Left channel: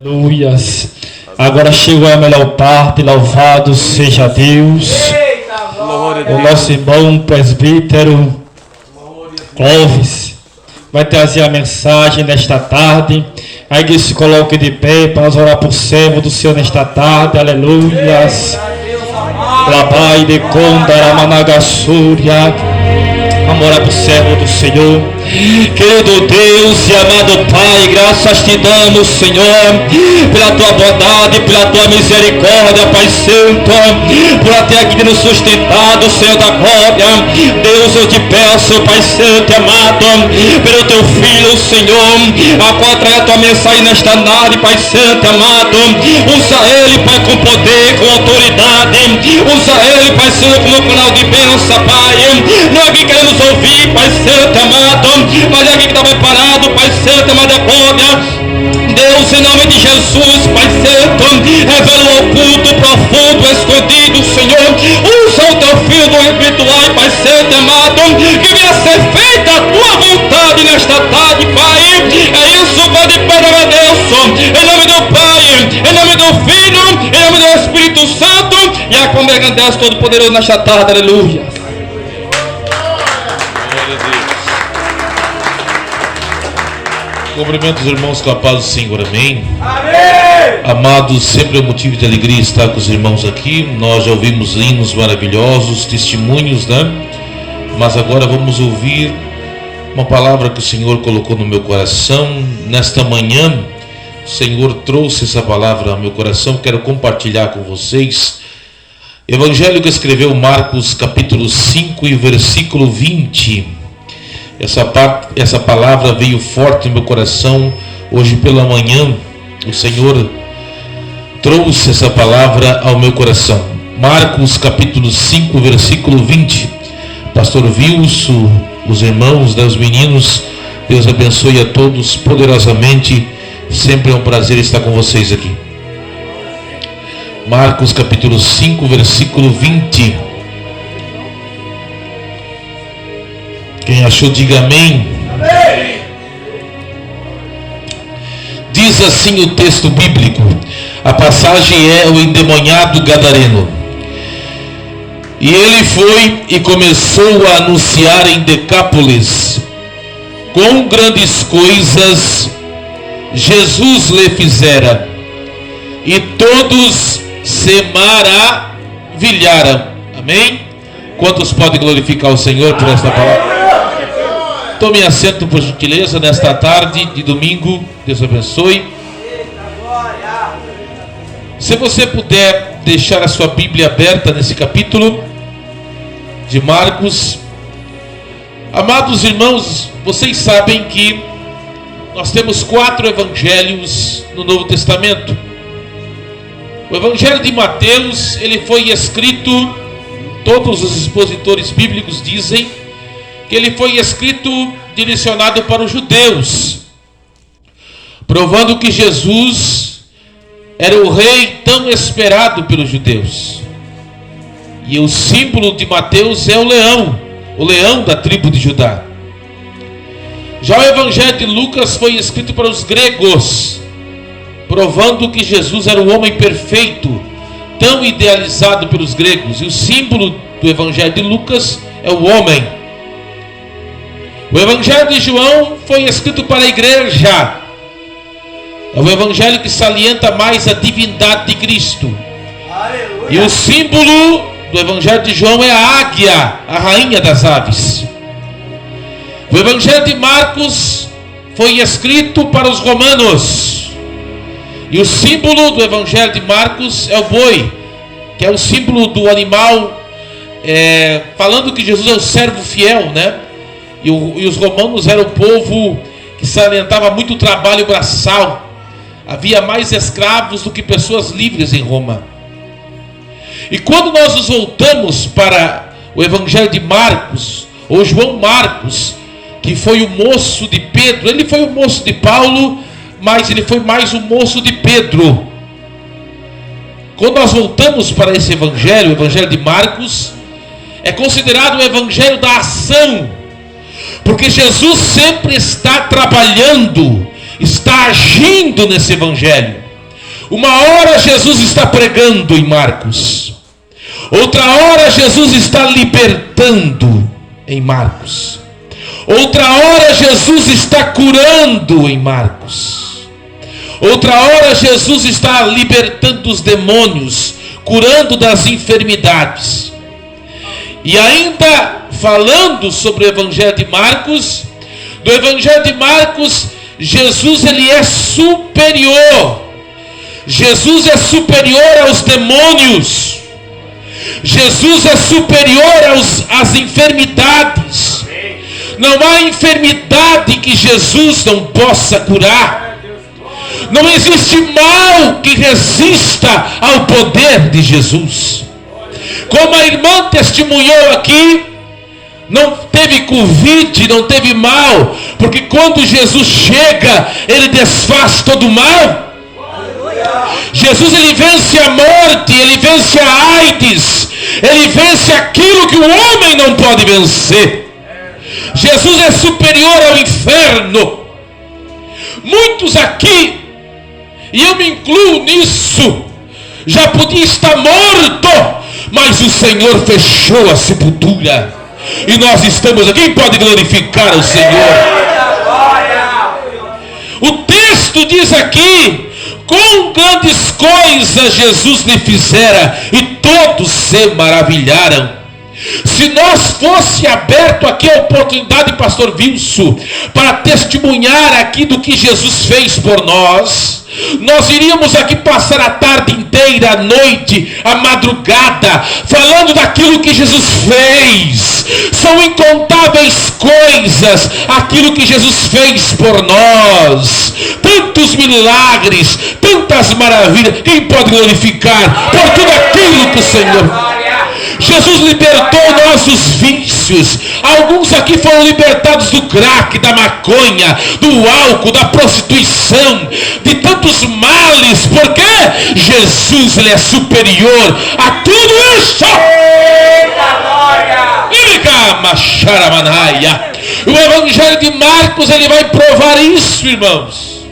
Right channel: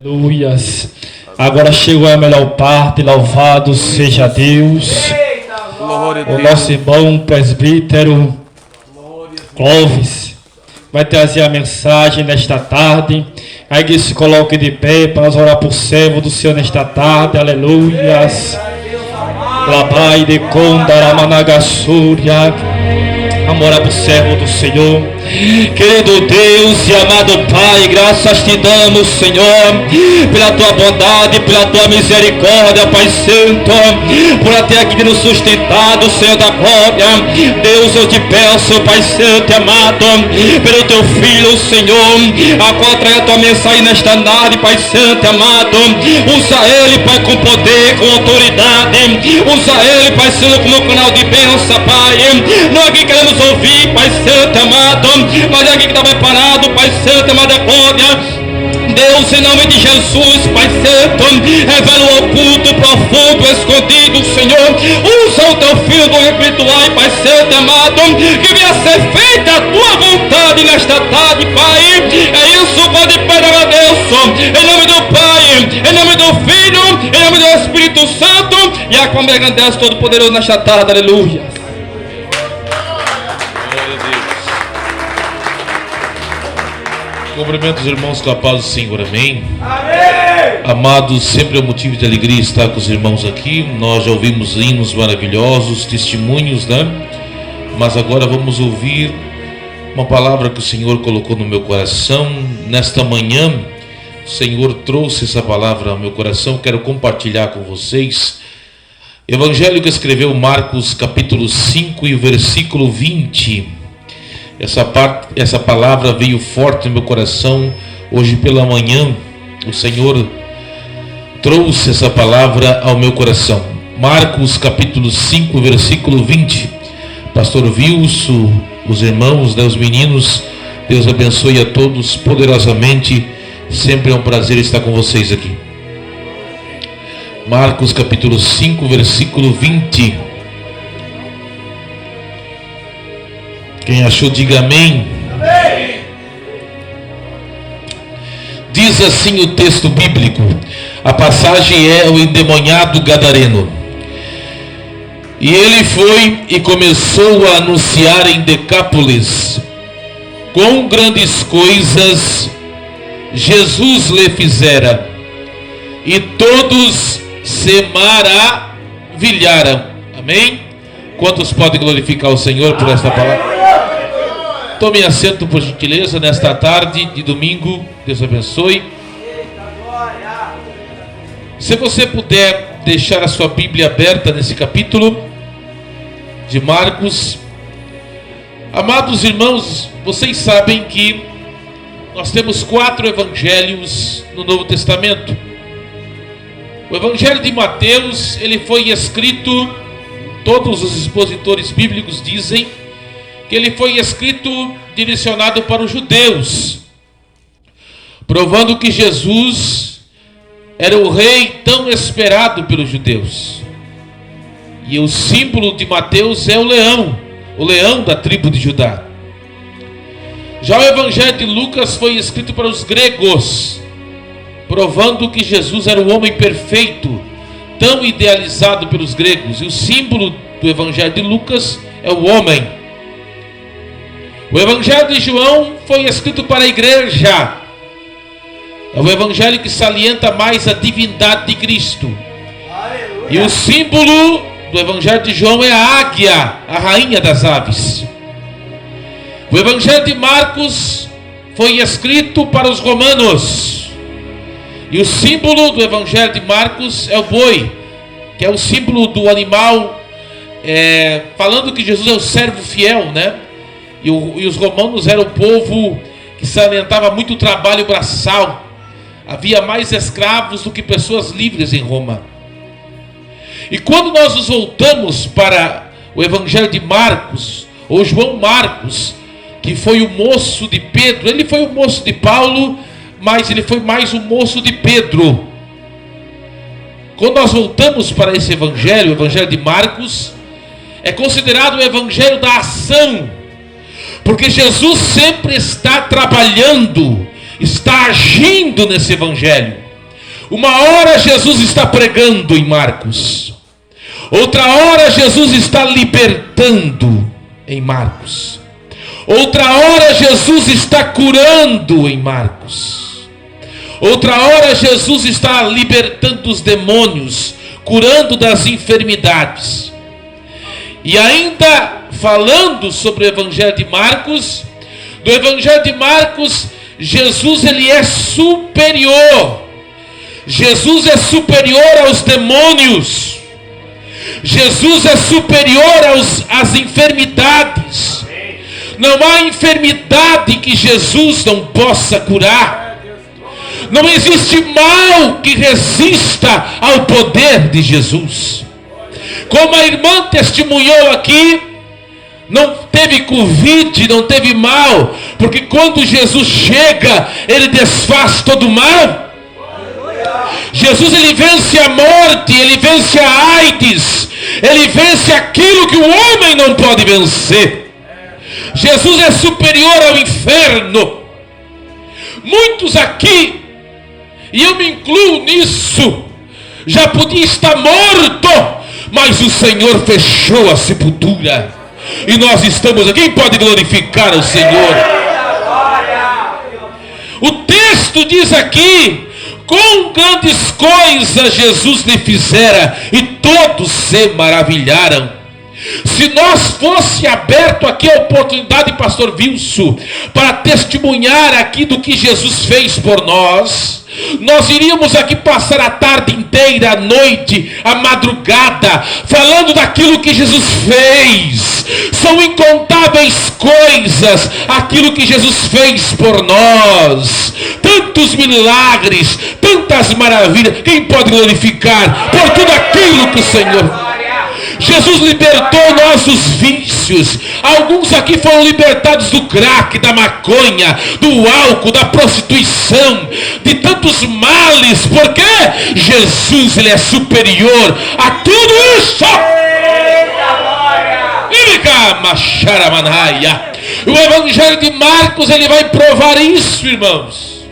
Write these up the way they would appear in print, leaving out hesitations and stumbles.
Aleluias. Agora chegou a melhor parte, louvado seja Deus. O nosso irmão presbítero Clóvis vai trazer a mensagem nesta tarde. A igreja se coloque de pé para nós orar por servo do Senhor nesta tarde. Aleluias. Labai de Kondaramanagasúria. Vamos orar por servo do Senhor. Querido Deus e amado Pai, graças te damos, Senhor, pela tua bondade, pela tua misericórdia, Pai Santo, por até aqui nos sustentado, Senhor da glória. Deus, eu te peço, Pai Santo e amado, pelo teu filho, Senhor, a qual traz a tua mensagem nesta tarde, Pai Santo e amado. Usa ele, Pai, com poder, com autoridade. Usa ele, Pai Santo, como canal de bênção, Pai. Não é que queremos ouvir, Pai Santo amado, mas é que está preparado, Pai Santo, amado glória. Deus, em nome de Jesus, Pai Santo, revela o oculto, profundo, escondido, Senhor. Usa o teu filho do espiritual, Pai Santo, amado, que venha ser feita a tua vontade nesta tarde, Pai. É isso, Pai, de Pai, Deus, em nome do Pai, em nome do Filho, em nome do Espírito Santo, e a congregação Deus Todo-Poderoso nesta tarde, aleluia. Cumprimento os irmãos com a paz do Senhor, amém? Amém! Amados, sempre é motivo de alegria estar com os irmãos aqui. Nós já ouvimos hinos maravilhosos, testemunhos, né? Mas agora vamos ouvir uma palavra que o Senhor colocou no meu coração. Nesta manhã, o Senhor trouxe essa palavra ao meu coração. Quero compartilhar com vocês. Evangelho que escreveu Marcos, capítulo 5 e versículo 20. Essa palavra veio forte no meu coração hoje pela manhã. O Senhor trouxe essa palavra ao meu coração. Marcos capítulo 5, versículo 20. Pastor Wilson, os irmãos, os meninos, Deus abençoe a todos poderosamente. Sempre é um prazer estar com vocês aqui. Marcos capítulo 5, versículo 20. Quem achou, diga amém. Amém. Diz assim o texto bíblico. A passagem é o endemoniado gadareno. E ele foi e começou a anunciar em Decápolis quão grandes coisas Jesus lhe fizera, e todos se maravilharam. Amém? Quantos podem glorificar o Senhor por esta palavra? Tome assento, por gentileza, nesta tarde de domingo. Deus abençoe. Se você puder deixar a sua Bíblia aberta nesse capítulo de Marcos. Amados irmãos, vocês sabem que nós temos 4 evangelhos no Novo Testamento. O Evangelho de Mateus, ele foi escrito, todos os expositores bíblicos dizem que ele foi escrito direcionado para os judeus, provando que Jesus era o rei tão esperado pelos judeus. E o símbolo de Mateus é o leão da tribo de Judá. Já o Evangelho de Lucas foi escrito para os gregos, provando que Jesus era o homem perfeito, tão idealizado pelos gregos. E o símbolo do Evangelho de Lucas é o homem. O Evangelho de João foi escrito para a igreja. É o Evangelho que salienta mais a divindade de Cristo. Aleluia. E o símbolo do Evangelho de João é a águia, a rainha das aves. O Evangelho de Marcos foi escrito para os romanos. E o símbolo do Evangelho de Marcos é o boi, que é o símbolo do animal, falando que Jesus é o servo fiel, né? E os romanos eram o povo que salientava muito trabalho braçal. Havia mais escravos do que pessoas livres em Roma. E quando nós nos voltamos para o Evangelho de Marcos, ou João Marcos, que foi o moço de Pedro, ele foi o moço de Paulo, mas ele foi mais o moço de Pedro. Quando nós voltamos para esse Evangelho, o Evangelho de Marcos, é considerado o Evangelho da ação, porque Jesus sempre está trabalhando, está agindo nesse Evangelho. Uma hora Jesus está pregando em Marcos. Outra hora Jesus está libertando em Marcos. Outra hora Jesus está curando em Marcos. Outra hora Jesus está libertando os demônios, curando das enfermidades. E ainda falando sobre o Evangelho de Marcos, do Evangelho de Marcos, Jesus ele é superior. Jesus é superior aos demônios. Jesus é superior às enfermidades. Não há enfermidade que Jesus não possa curar. Não existe mal que resista ao poder de Jesus. Como a irmã testemunhou aqui, não teve Covid, não teve mal, porque quando Jesus chega, ele desfaz todo o mal. Jesus ele vence a morte, ele vence a AIDS, ele vence aquilo que o homem não pode vencer. Jesus é superior ao inferno. Muitos aqui, e eu me incluo nisso, já podia estar morto, mas o Senhor fechou a sepultura, e nós estamos aqui. Quem pode glorificar o Senhor? O texto diz aqui: com grandes coisas Jesus lhe fizera, e todos se maravilharam. Se nós fosse aberto aqui a oportunidade, pastor Wilson, para testemunhar aqui do que Jesus fez por nós, nós iríamos aqui passar a tarde inteira, a noite, a madrugada, falando daquilo que Jesus fez. São incontáveis coisas aquilo que Jesus fez por nós, tantos milagres, tantas maravilhas. Quem pode glorificar por tudo aquilo que o Senhor... Jesus libertou nossos vícios. Alguns aqui foram libertados do crack, da maconha, do álcool, da prostituição, de tantos males, porque Jesus ele é superior a tudo isso. O Evangelho de Marcos ele vai provar isso, irmãos.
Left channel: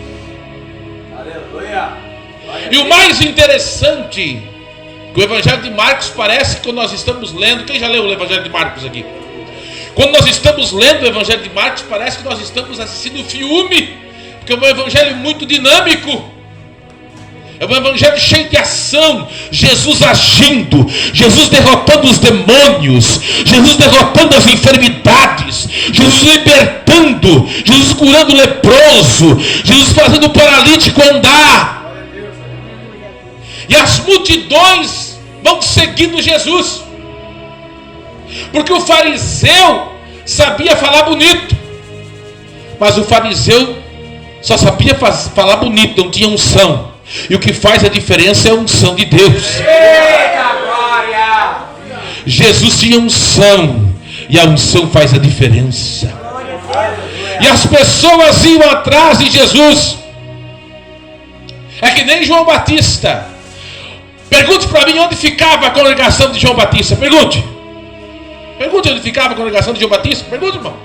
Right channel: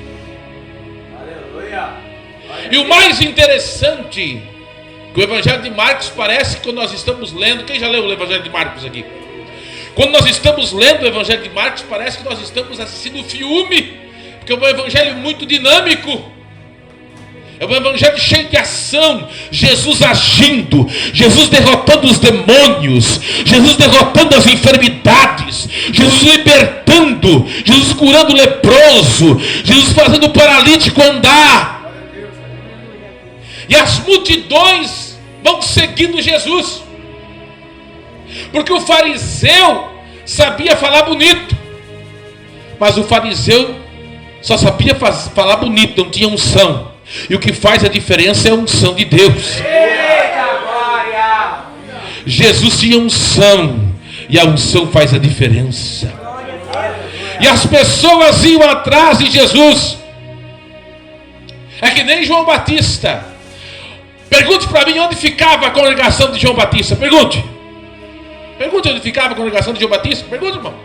E o mais interessante, o Evangelho de Marcos parece que quando nós estamos lendo... Quem já leu o Evangelho de Marcos aqui? Quando nós estamos lendo o Evangelho de Marcos, parece que nós estamos assistindo um filme, porque é um Evangelho muito dinâmico. É um Evangelho cheio de ação. Jesus agindo, Jesus derrotando os demônios, Jesus derrotando as enfermidades, Jesus libertando, Jesus curando o leproso, Jesus fazendo o paralítico andar. E as multidões vão seguindo Jesus, porque o fariseu sabia falar bonito, mas o fariseu só sabia falar bonito, não tinha unção. E o que faz a diferença é a unção de Deus. Jesus tinha unção, e a unção faz a diferença. E as pessoas iam atrás de Jesus. É que nem João Batista. Pergunte para mim onde ficava a congregação de João Batista. Pergunte onde ficava a congregação de João Batista. Pergunte, irmão.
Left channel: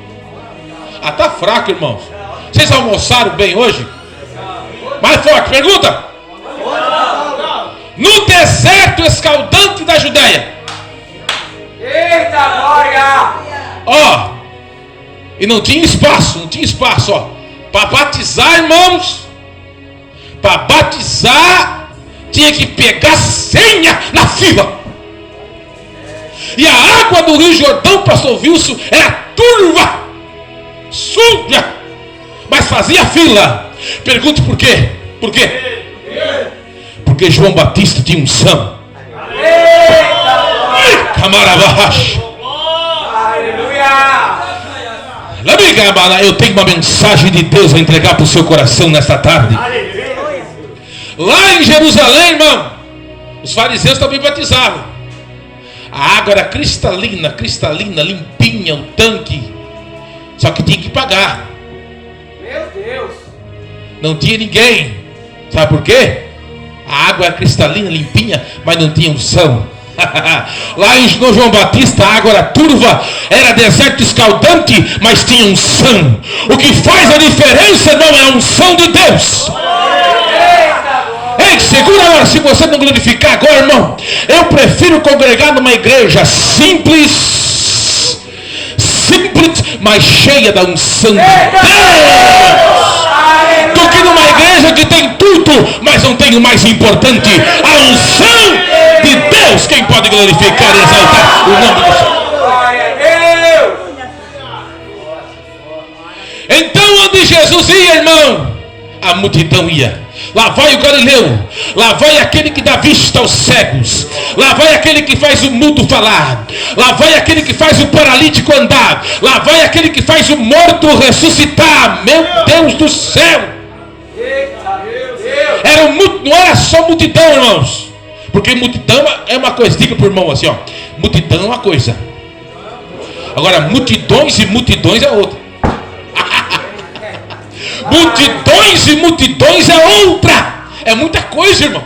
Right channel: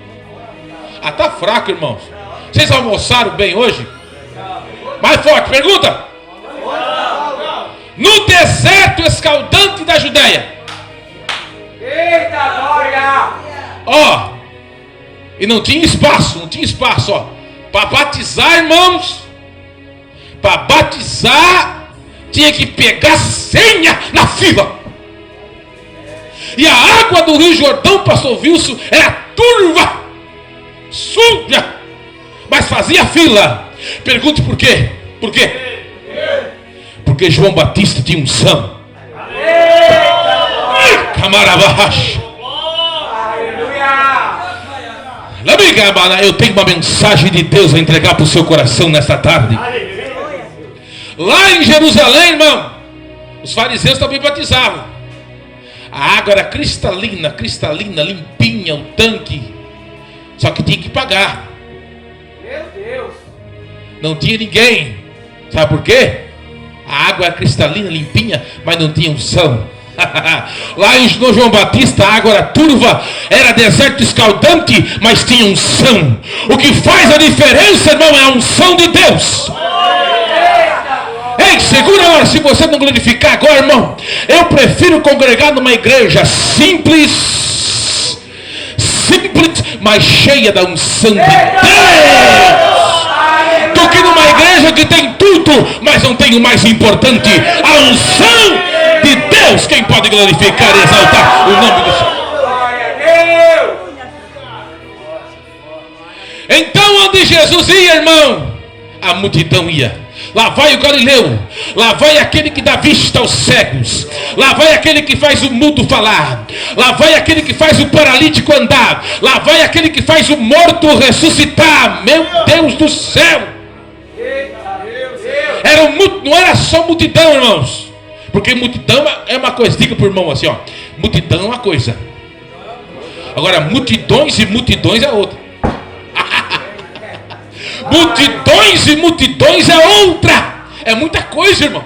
Ah, tá fraco, irmãos. Vocês almoçaram bem hoje? Mais forte, pergunta. No deserto escaldante da Judéia. Eita glória! Ó, e não tinha espaço, ó. Para batizar, irmãos, para batizar tinha que pegar senha na fila. E a água do Rio Jordão, pastor Wilson, era turva, suja, mas fazia fila. Pergunte por quê? Por quê? Porque João Batista tinha unção. Camaravacha. Eu tenho uma mensagem de Deus a entregar para o seu coração nesta tarde. Lá em Jerusalém, irmão, os fariseus também batizavam. A água era cristalina, limpinha, o tanque. Só que tinha que pagar. Meu Deus! Não tinha ninguém. Sabe por quê? A água era cristalina, limpinha, mas não tinha unção. Lá em João Batista a água era turva, era deserto escaldante, mas tinha unção. O que faz a diferença não é a unção de Deus. Segura agora, se você não glorificar agora, irmão. Eu prefiro congregar numa igreja simples, mas cheia da unção de Deus, do que numa igreja que tem tudo, mas não tem o mais importante, a unção de Deus. Quem pode glorificar e exaltar o nome do Senhor? Então, onde Jesus ia, irmão, a multidão ia. Lá vai o Galileu, lá vai aquele que dá vista aos cegos, lá vai aquele que faz o mudo falar, lá vai aquele que faz o paralítico andar, lá vai aquele que faz o morto ressuscitar. Meu Deus do céu! Não era só multidão, irmãos, porque multidão é uma coisa. Diga para o irmão assim, ó, multidão é uma coisa, agora multidões e multidões é outra. Multidões e multidões é outra. É muita coisa, irmão.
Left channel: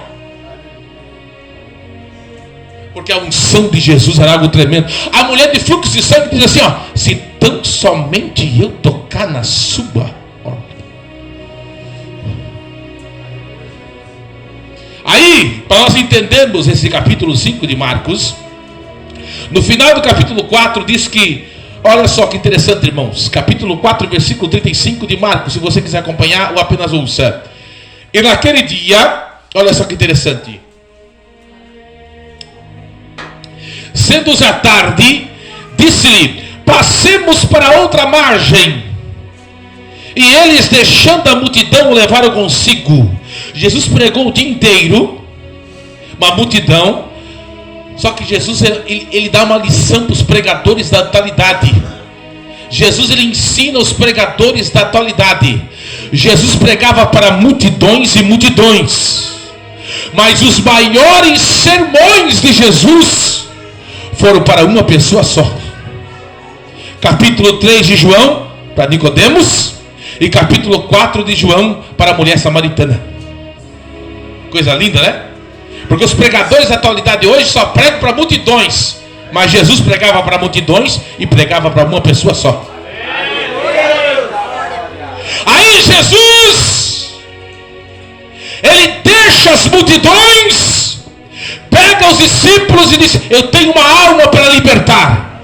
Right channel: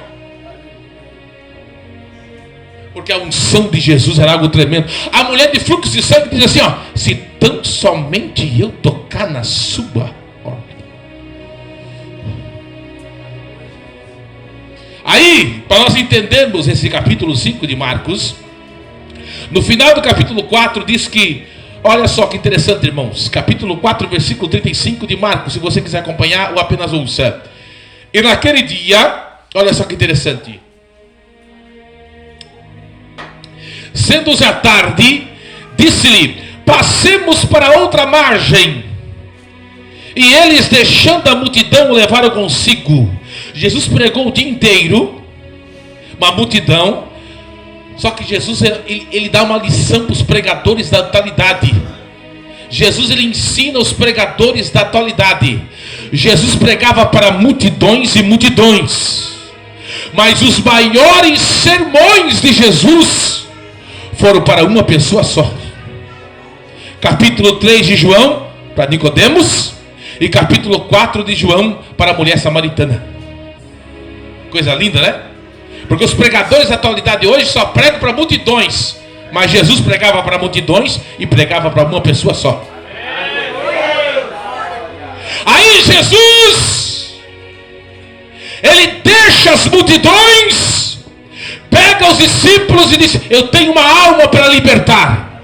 Porque a unção de Jesus era algo tremendo. A mulher de fluxo de sangue diz assim, ó: se tão somente eu tocar na sua. Aí, para nós entendermos esse capítulo 5 de Marcos, no final do capítulo 4 diz que, olha só que interessante, irmãos, capítulo 4, versículo 35 de Marcos, se você quiser acompanhar ou apenas ouça. E naquele dia, olha só que interessante, sendo já tarde, disse-lhe: passemos para outra margem. E eles, deixando a multidão, o levaram consigo. Jesus pregou o dia inteiro, uma multidão. Só que Jesus, ele dá uma lição para os pregadores da atualidade. Jesus, ele ensina os pregadores da atualidade. Jesus pregava para multidões e multidões, mas os maiores sermões de Jesus foram para uma pessoa só. Capítulo 3 de João para Nicodemos, e capítulo 4 de João para a mulher samaritana. Coisa linda, né? Porque os pregadores da atualidade hoje só pregam para multidões, mas Jesus pregava para multidões e pregava para uma pessoa só. Aí Jesus, ele deixa as multidões, pega os discípulos e diz: eu tenho uma alma para libertar,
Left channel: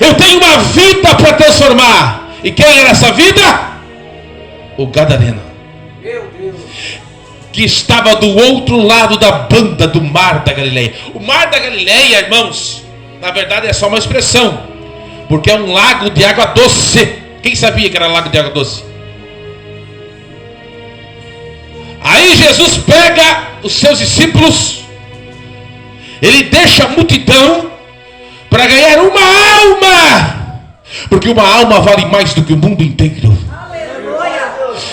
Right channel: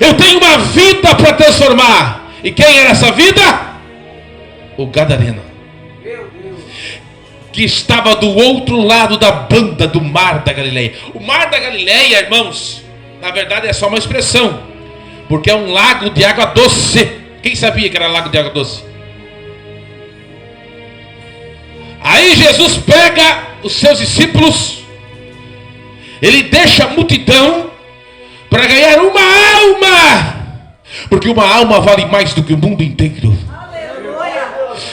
eu tenho uma vida para transformar. E quem era essa vida? O gadareno, que estava do outro lado da banda do Mar da Galileia. O Mar da Galileia, irmãos, na verdade é só uma expressão, porque é um lago de água doce. Quem sabia que era lago de água doce? Aí Jesus pega os seus discípulos, ele deixa a multidão para ganhar uma alma, porque uma alma vale mais do que o mundo inteiro.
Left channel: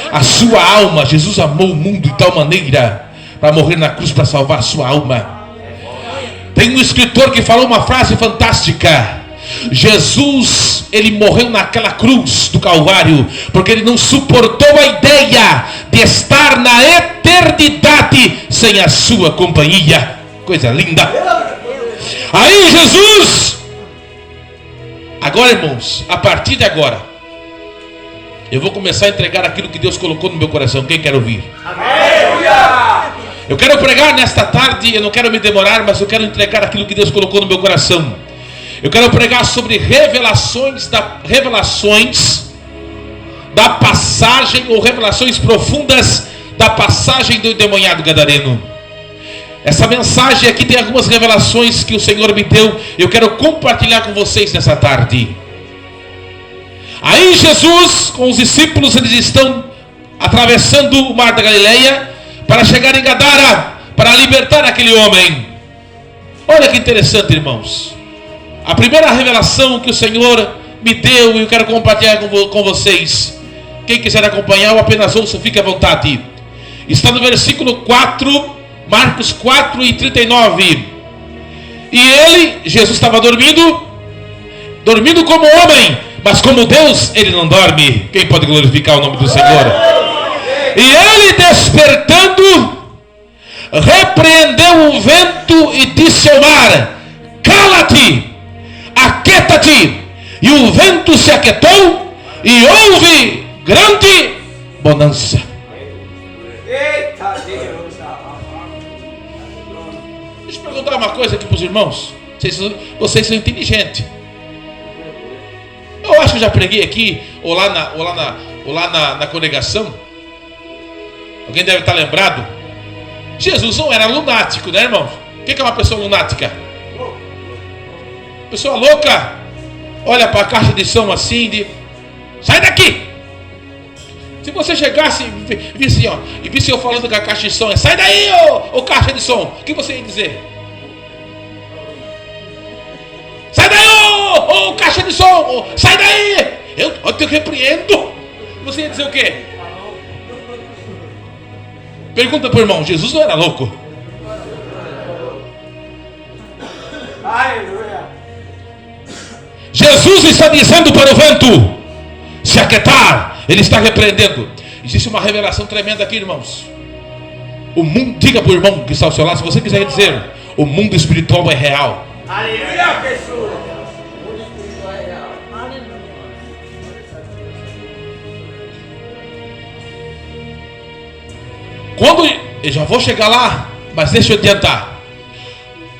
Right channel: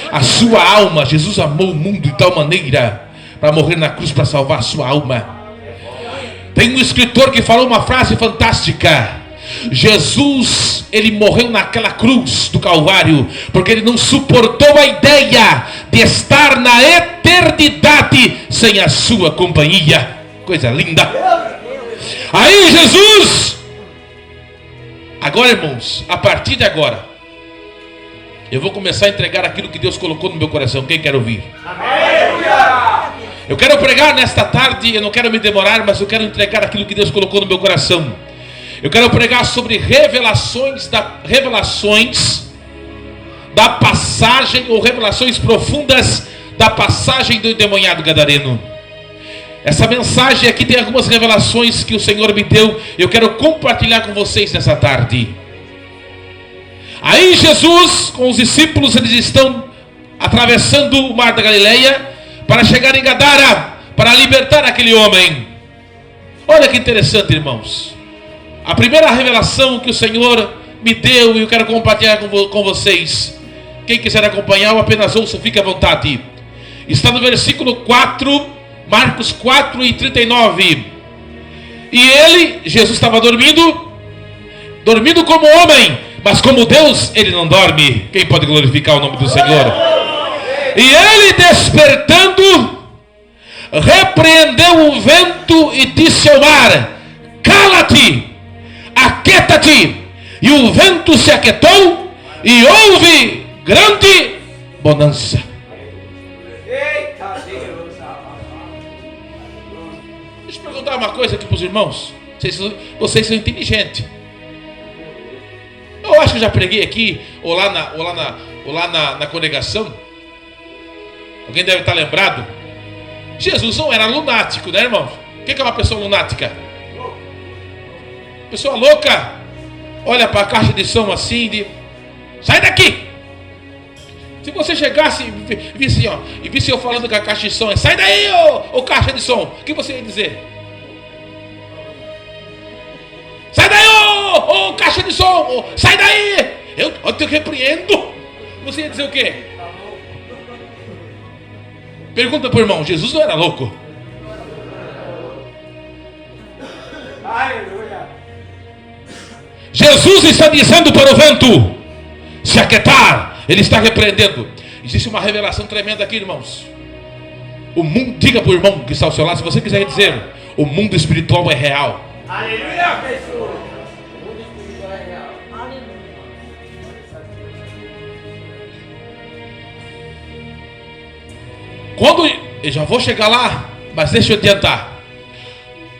A sua alma, Jesus amou o mundo de tal maneira para morrer na cruz para salvar a sua alma. Tem um escritor que falou uma frase fantástica: Jesus, ele morreu naquela cruz do Calvário porque ele não suportou a ideia de estar na eternidade sem a sua companhia. Coisa linda. Aí Jesus, agora, irmãos, a partir de agora eu vou começar a entregar aquilo que Deus colocou no meu coração. Quem quer ouvir? Amém. Eu quero pregar nesta tarde, eu não quero me demorar, mas eu quero entregar aquilo que Deus colocou no meu coração. Eu quero pregar sobre revelações da passagem, ou revelações profundas da passagem do endemoniado gadareno. Essa mensagem aqui tem algumas revelações que o Senhor me deu, eu quero compartilhar com vocês nessa tarde. Aí Jesus, com os discípulos, eles estão atravessando o Mar da Galileia para chegar em Gadara, para libertar aquele homem. Olha que interessante, irmãos. A primeira revelação que o Senhor me deu, e eu quero compartilhar com vocês. Quem quiser acompanhar, ou apenas ouça, fique à vontade. Está no versículo 4, Marcos 4 e 39. E ele, Jesus, estava dormindo como homem, mas como Deus, ele não dorme. Quem pode glorificar o nome do Senhor? E ele, despertando, repreendeu o vento e disse ao mar: cala-te, aquieta-te. E o vento se aquietou e houve grande bonança. Deixa eu perguntar uma coisa aqui para os irmãos. Vocês são inteligentes. Eu acho que eu já preguei aqui, ou lá na congregação. Alguém deve estar lembrado. Jesus não era lunático, né, irmão? O que é uma pessoa lunática? Pessoa louca. Olha para a caixa de som assim, sai daqui! Se você chegasse e visse eu falando com a caixa de som, sai daí, ô caixa de som, o que você ia dizer? Sai daí, ô caixa de som, sai daí! Eu te repreendo. Você ia dizer o quê? Pergunta para o irmão, Jesus não era louco? Aleluia. Jesus está dizendo para o vento se aquietar. Ele está repreendendo. Existe uma revelação tremenda aqui, irmãos. O mundo, diga para o irmão que está ao seu lado, se você quiser dizer, o mundo espiritual é real. Aleluia, pessoa. Quando, eu já vou chegar lá, mas deixa eu adiantar.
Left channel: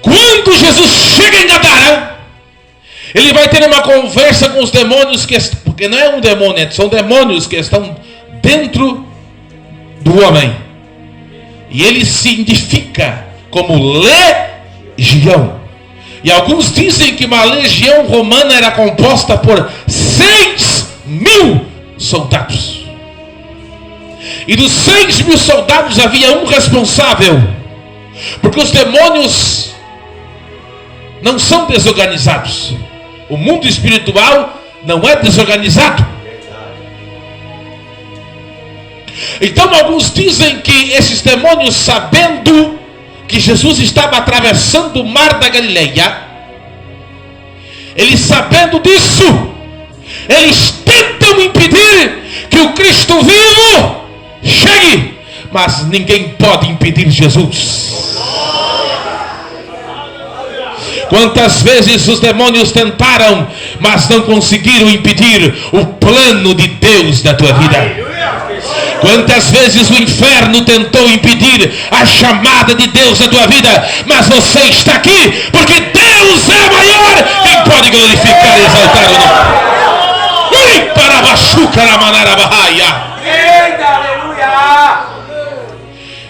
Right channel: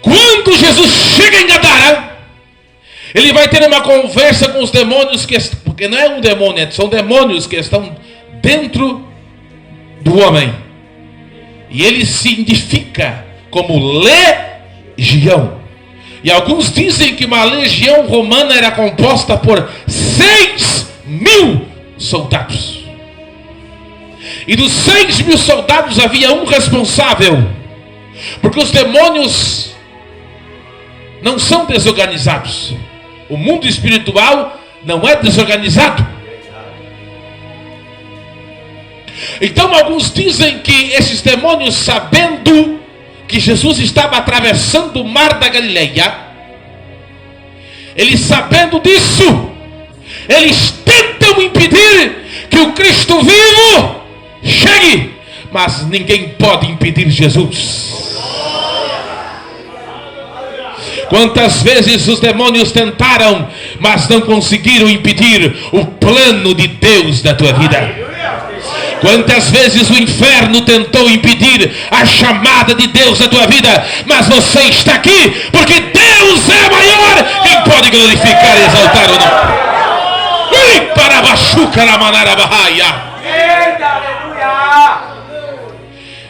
Quando Jesus chega em Gadara, ele vai ter uma conversa com os demônios, porque não é um demônio, são demônios que estão dentro do homem. E ele se identifica como legião. E alguns dizem que uma legião romana era composta por 6.000 soldados. E dos 6.000 soldados havia um responsável, porque os demônios não são desorganizados. O mundo espiritual não é desorganizado. Então alguns dizem que esses demônios, sabendo que Jesus estava atravessando o mar da Galileia, eles sabendo disso, eles tentam impedir que o Cristo vivo chegue, mas ninguém pode impedir Jesus. Quantas vezes os demônios tentaram, mas não conseguiram impedir o plano de Deus na tua vida. Quantas vezes o inferno tentou impedir a chamada de Deus na tua vida, mas você está aqui, porque Deus é maior. Quem pode glorificar e exaltar o nome? Para baixuca na manara barraia.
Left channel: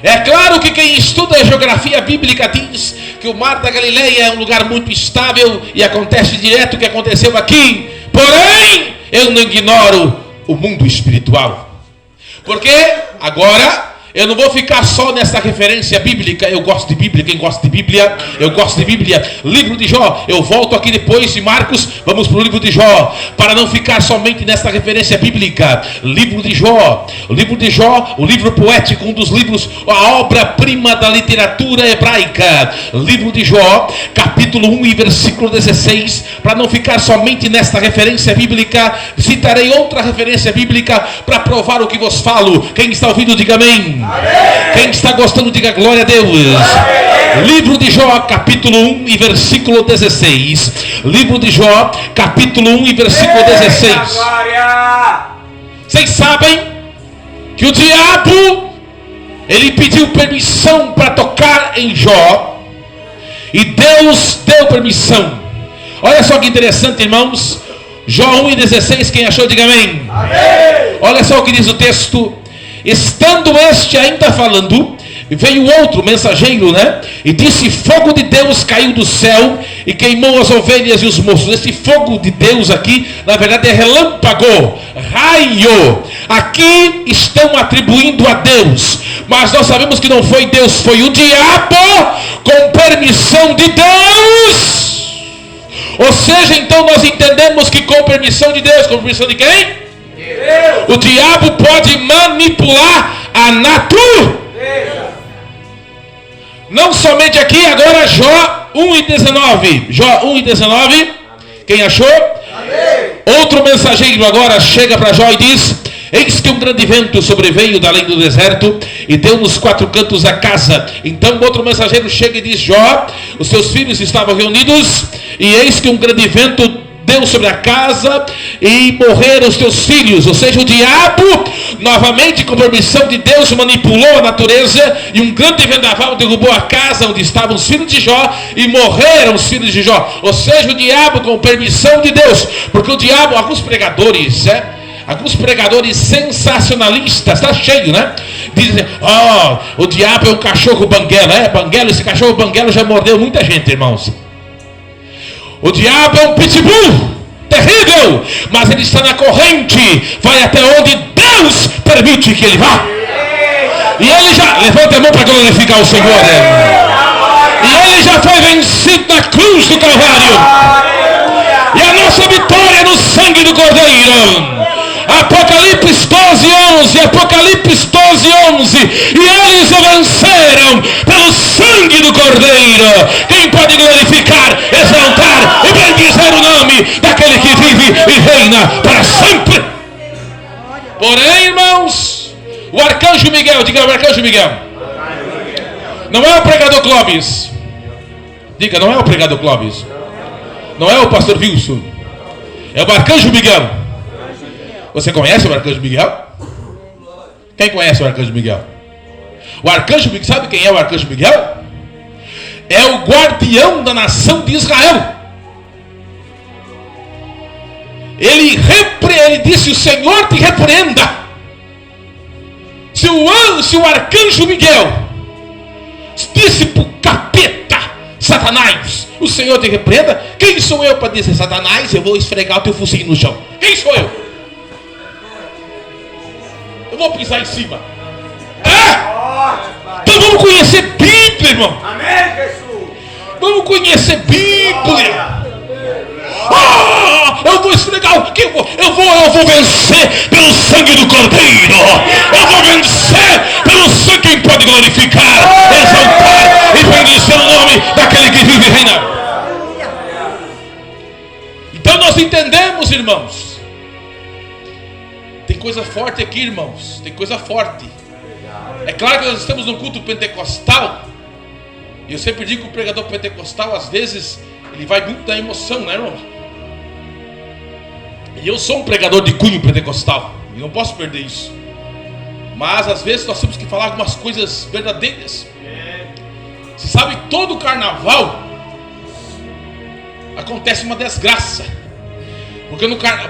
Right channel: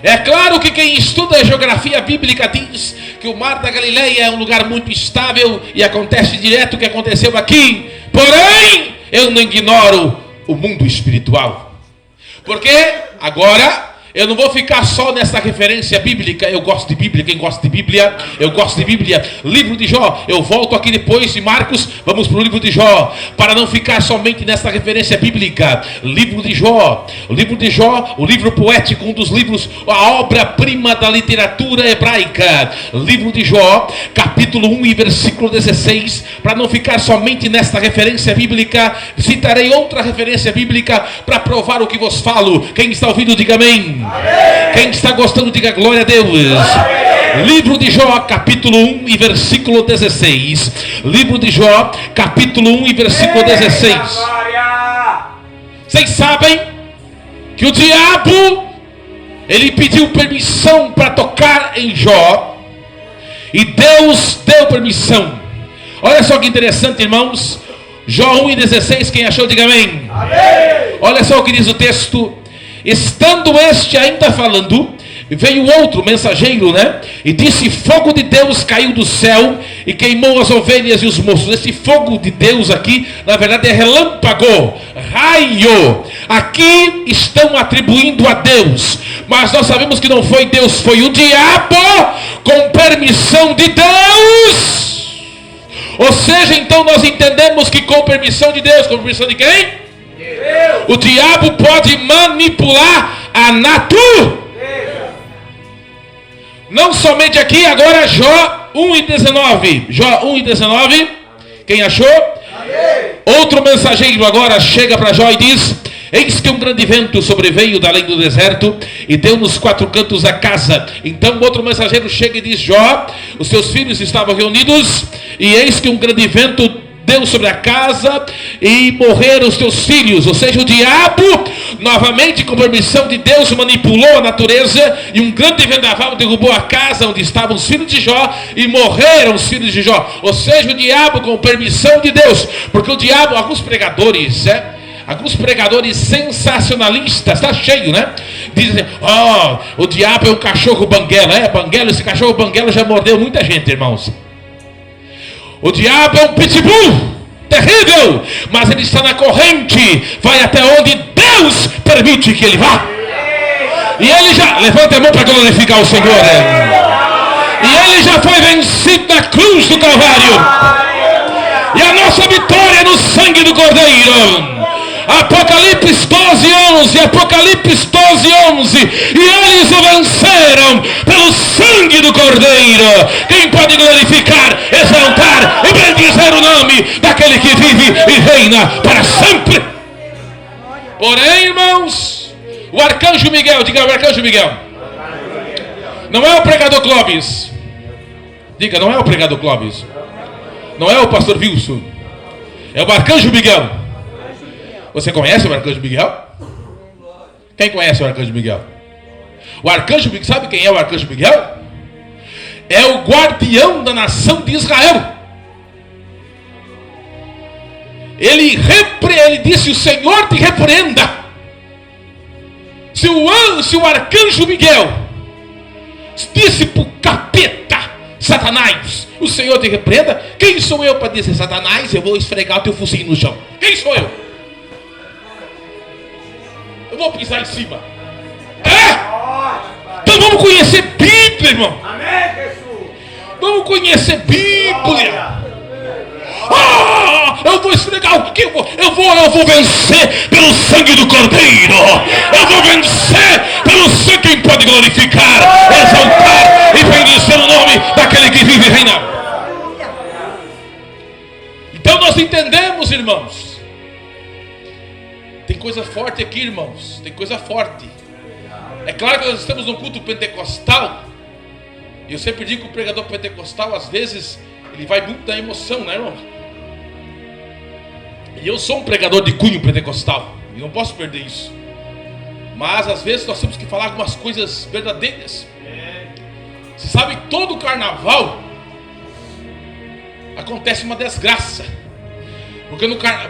É claro que quem estuda a geografia bíblica diz que o mar da Galileia é um lugar muito estável e acontece direto o que aconteceu aqui. Porém, eu não ignoro o mundo espiritual. Porque agora eu não vou ficar só nessa referência bíblica. Eu gosto de Bíblia. Quem gosta de Bíblia? Eu gosto de Bíblia. Livro de Jó. Eu volto aqui depois de Marcos. Vamos para o livro de Jó, para não ficar somente nessa referência bíblica. Livro de Jó. O livro de Jó, o livro poético, um dos livros, a obra-prima da literatura hebraica. Livro de Jó, capítulo 1 e versículo 16. Para não ficar somente nesta referência bíblica, citarei outra referência bíblica para provar o que vos falo. Quem está ouvindo, diga amém. Amém. Quem está gostando, diga glória a Deus. Amém. Livro de Jó, capítulo 1 e versículo 16. Livro de Jó, capítulo 1 e versículo 16. Vocês sabem que o diabo, ele pediu permissão para tocar em Jó, e Deus deu permissão. Olha só que interessante, irmãos. Jó 1 e 16, quem achou, diga amém. Amém. Olha só o que diz o texto. Estando este ainda falando, veio outro mensageiro, e disse: fogo de Deus caiu do céu e queimou as ovelhas e os moços. Esse fogo de Deus aqui, na verdade, é relâmpago, raio. Aqui estão atribuindo a Deus, mas nós sabemos que não foi Deus, foi o diabo, com permissão de Deus. Ou seja, então nós entendemos que com permissão de Deus, com permissão de quem? O diabo pode manipular a natureza. Não somente aqui, agora Jó 1 e 19. Jó 1 e 19. Quem achou? Amém. Outro mensageiro agora chega para Jó e diz: eis que um grande vento sobreveio da além do deserto e deu nos quatro cantos da casa. Então outro mensageiro chega e diz: Jó, os seus filhos estavam reunidos, e eis que um grande vento deu sobre a casa e morreram os teus filhos. Ou seja, o diabo novamente com permissão de Deus manipulou a natureza e um grande vendaval derrubou a casa onde estavam os filhos de Jó e morreram os filhos de Jó. Ou seja, o diabo com permissão de Deus, porque o diabo, alguns pregadores sensacionalistas, está cheio, né? Dizem, o diabo é um cachorro banguela. Banguela, esse cachorro banguela já mordeu muita gente, irmãos. O diabo é um pitbull terrível, mas ele está na corrente, vai até onde Deus permite que ele vá. E ele já, levanta a mão para glorificar o Senhor, e ele já foi vencido na cruz do Calvário, e a nossa vitória é no sangue do Cordeiro. Apocalipse 12:11, Apocalipse 12:11, e eles o venceram pelo sangue do Cordeiro. Quem pode glorificar, exaltar e bendizer o nome daquele que vive e reina para sempre? Porém, irmãos, o arcanjo Miguel, diga o arcanjo Miguel, não é o pregador Clóvis, diga, não é o pregador Clóvis, não é o pastor Wilson, é o arcanjo Miguel. Você conhece o arcanjo Miguel? Quem conhece o arcanjo Miguel? O arcanjo Miguel, sabe quem é o arcanjo Miguel? É o guardião da nação de Israel. Ele disse: o Senhor te repreenda. Se o arcanjo Miguel disse para o capeta, Satanás, o Senhor te repreenda, quem sou eu para dizer, Satanás, eu vou esfregar o teu focinho no chão? Quem sou eu? Eu vou pisar em cima. Então vamos conhecer Bíblia, irmão. Amém, Jesus. Vamos conhecer Bíblia. Eu vou esfregar o que eu vou vencer pelo sangue do Cordeiro. Eu vou vencer pelo sangue. Quem pode glorificar, exaltar e bendizer o nome daquele que vive e reina. Então nós entendemos, irmãos. Tem coisa forte aqui, irmãos. Tem coisa forte. É claro que nós estamos num culto pentecostal. E eu sempre digo que o pregador pentecostal, às vezes, ele vai muito da emoção, né, irmãos? E eu sou um pregador de cunho pentecostal. E não posso perder isso. Mas, às vezes, nós temos que falar algumas coisas verdadeiras. Você sabe que todo carnaval acontece uma desgraça.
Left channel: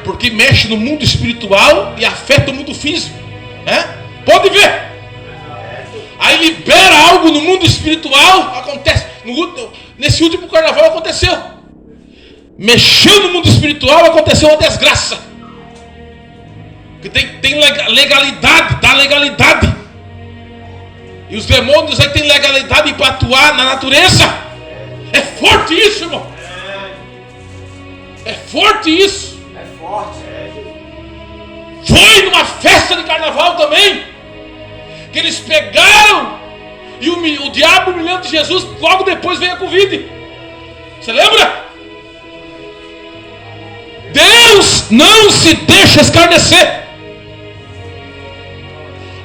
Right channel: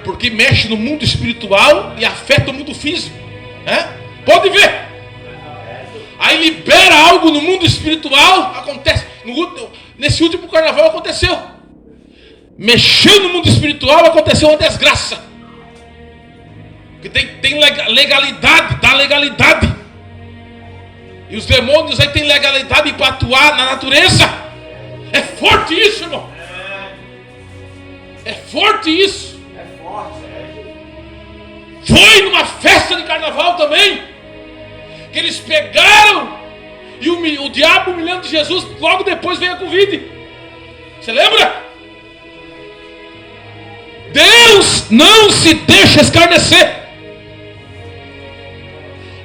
Porque mexe no mundo espiritual e afeta o mundo físico, né? Pode ver. Aí libera algo no mundo espiritual, acontece. Nesse último carnaval aconteceu. Mexeu no mundo espiritual, aconteceu uma desgraça. Porque tem legalidade, dá legalidade. E os demônios aí têm legalidade para atuar na natureza. É forte isso, irmão. É forte isso. Foi numa festa de carnaval também, que eles pegaram e o diabo humilhando Jesus. Logo depois veio a Covid. Você lembra? Deus não se deixa escarnecer.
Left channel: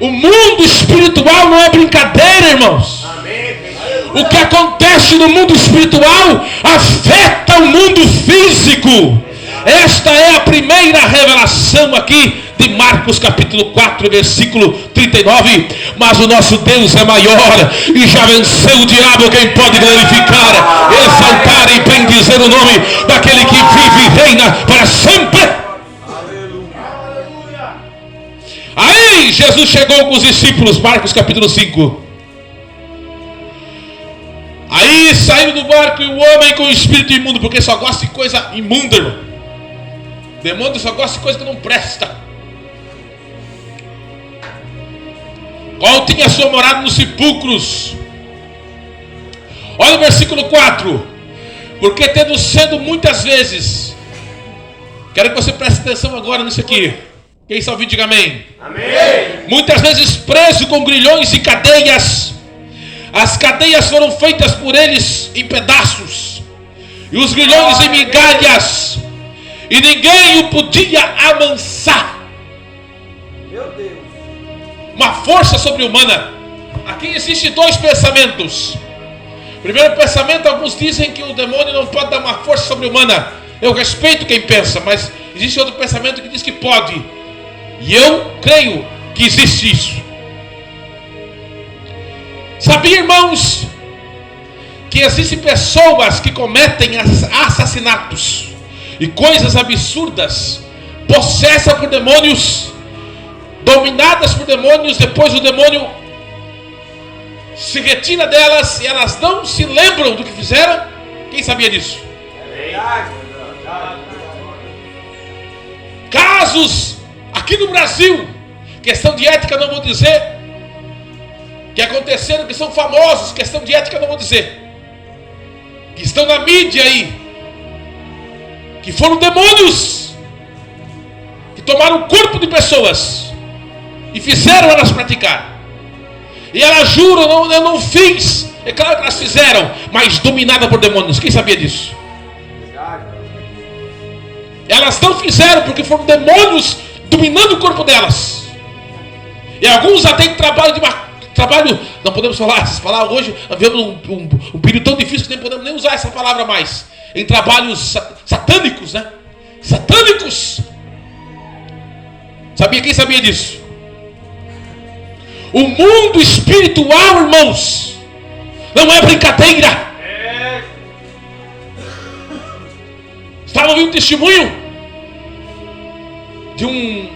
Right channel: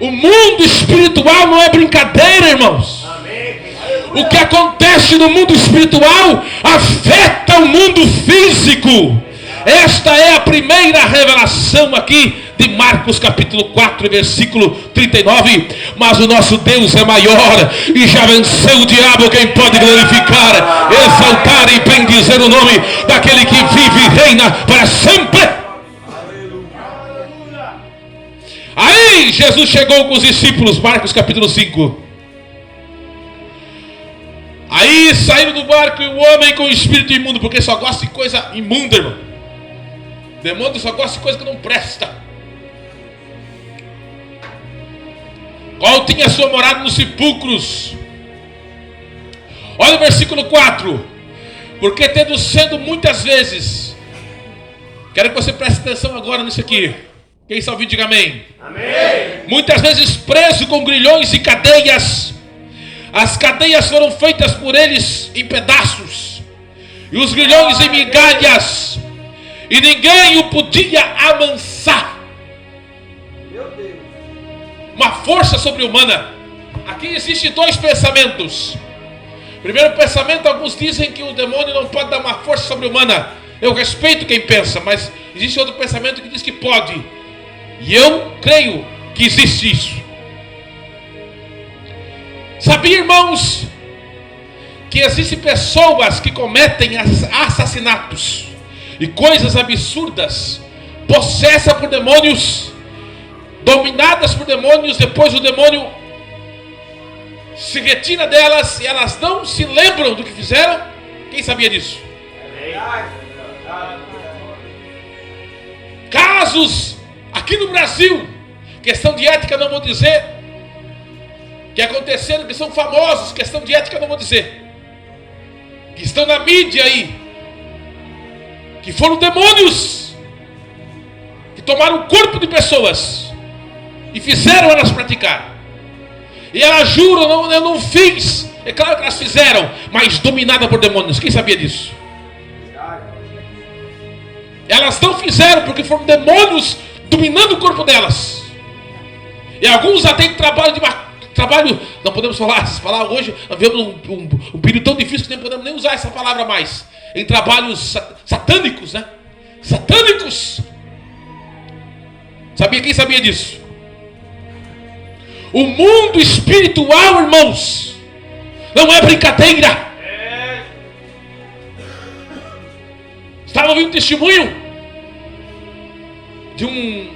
O mundo espiritual não é brincadeira, irmãos. O que acontece no mundo espiritual afeta o mundo físico. Esta é a primeira revelação aqui de Marcos capítulo 4, versículo 39. Mas o nosso Deus é maior e já venceu o diabo. Quem pode glorificar, exaltar e bendizer o nome daquele que vive e reina para sempre. Aí Jesus chegou com os discípulos, Marcos capítulo 5. Aí saíram do barco e o homem com o espírito imundo, porque só gosta de coisa imunda, irmão. Demônio só gosta de coisa que não presta. Qual tinha sua morada nos sepulcros. Olha o versículo 4. Porque tendo sido muitas vezes. Quero que você preste atenção agora nisso aqui. Quem está ouvindo, diga amém. Amém. Muitas vezes preso com grilhões e cadeias. As cadeias foram feitas por eles em pedaços. E os grilhões em migalhas. E ninguém o podia amansar. Meu Deus. Uma força sobre-humana. Aqui existem dois pensamentos. Primeiro pensamento, alguns dizem que o demônio não pode dar uma força sobre-humana. Eu respeito quem pensa, mas existe outro pensamento que diz que pode. E eu creio que existe isso. Sabia, irmãos, que existem pessoas que cometem assassinatos e coisas absurdas, possessas por demônios, dominadas por demônios, depois o demônio se retira delas e elas não se lembram do que fizeram? Quem sabia disso? Casos aqui no Brasil, questão de ética não vou dizer, que aconteceram, que são famosos, questão de ética não vou dizer, que estão na mídia aí, que foram demônios que tomaram o corpo de pessoas e fizeram elas praticar. E elas juram, não, eu não fiz. É claro que elas fizeram, mas dominada por demônios. Quem sabia disso? Elas não fizeram porque foram demônios dominando o corpo delas. E alguns até em trabalho, não podemos falar essas palavras hoje. Nós vivemos um período tão difícil que nem podemos nem usar essa palavra mais. Em trabalhos satânicos, né? Satânicos. Sabia? Quem sabia disso? O mundo espiritual, irmãos, não é brincadeira. Estava ouvindo um testemunho de um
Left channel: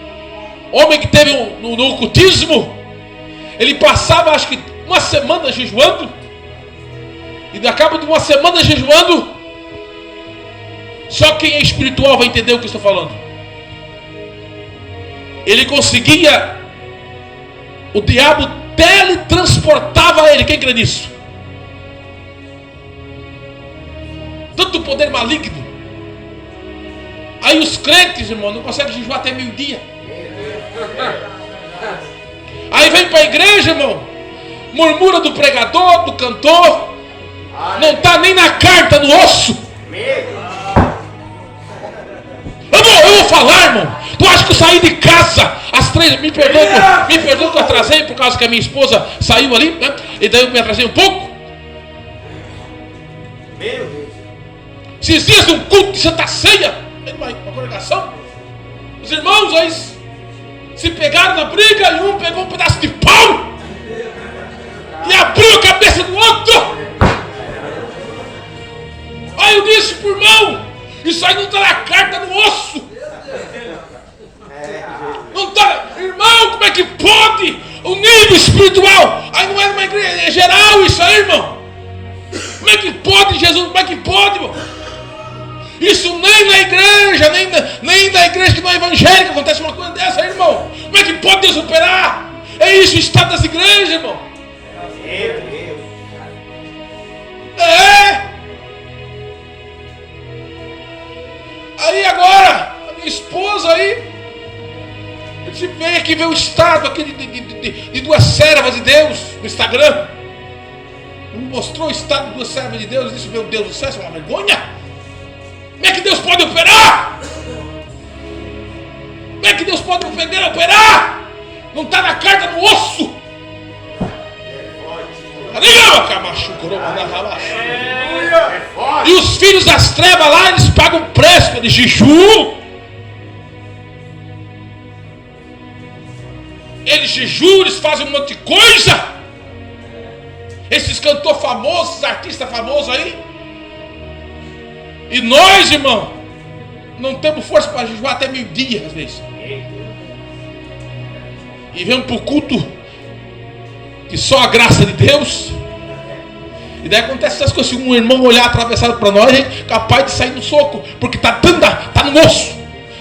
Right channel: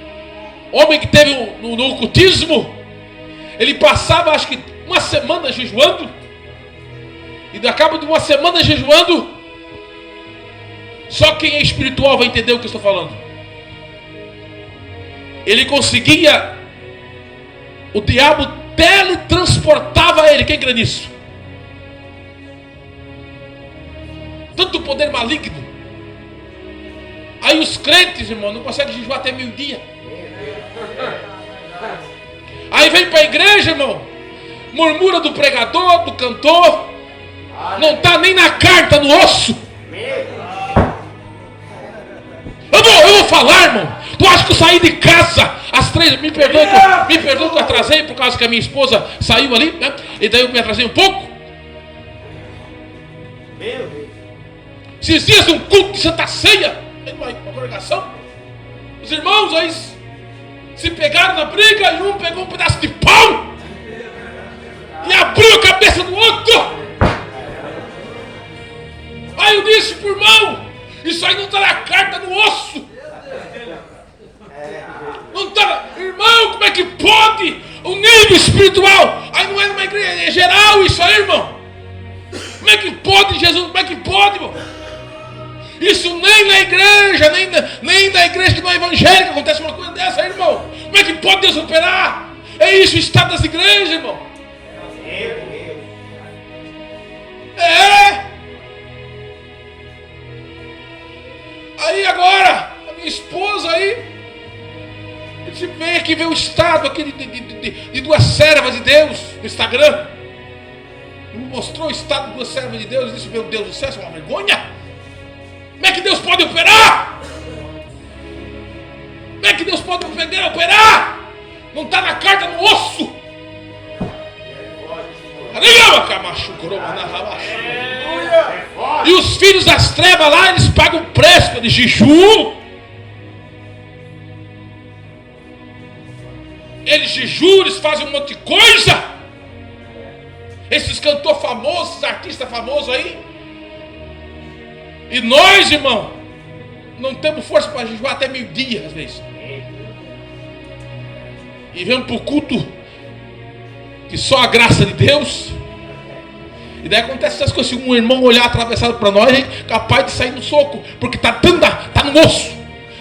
homem que teve no ocultismo. Ele passava, acho que uma semana jejuando, e ao cabo de uma semana jejuando, só quem é espiritual vai entender o que eu estou falando. Ele conseguia, o diabo teletransportava ele. Quem crê nisso? Tanto poder maligno. Aí os crentes, irmão, não conseguem jejuar até meio-dia. Aí vem para a igreja, irmão, murmura do pregador, do cantor, não está nem na carta, no osso. Eu vou falar, irmão. Tu acha que eu saí de casa às 3? Me perdoa que eu atrasei por causa que a minha esposa saiu ali, né? E daí eu me atrasei um pouco. Esses dias um culto de Santa Ceia, uma congregação, os irmãos aí se pegaram na briga e um pegou um pedaço de pau e abriu a cabeça do outro. Aí eu disse pro irmão, isso aí não está na carta, no osso. Não está, irmão, como é que pode? O nível espiritual, aí não é uma igreja, é geral isso aí, irmão. Como é que pode, Jesus? Como é que pode, irmão? Isso nem na igreja, nem na igreja que não é evangélica acontece uma coisa dessa, irmão. Como é que pode Deus operar? É isso o estado das igrejas, irmão. É. Aí agora, a minha esposa aí, você vem aqui ver o estado aqui de duas servas de Deus no Instagram. Me mostrou o estado de duas servas de Deus. Eu disse, meu Deus do céu, isso é uma vergonha. Como é que Deus pode operar? Como é que Deus pode operar? Não está na carta, no osso. E os filhos das trevas lá, eles pagam preço de jejum. Eles jejuam, eles fazem um monte de coisa. Esses cantores famosos, esses artistas famosos aí. E nós, irmão, não temos força para jejuar até meio-dia, às vezes. E vamos para o culto que só a graça de Deus. E daí acontece essas coisas. Se um irmão olhar atravessado para nós, é capaz de sair no soco, porque está no osso,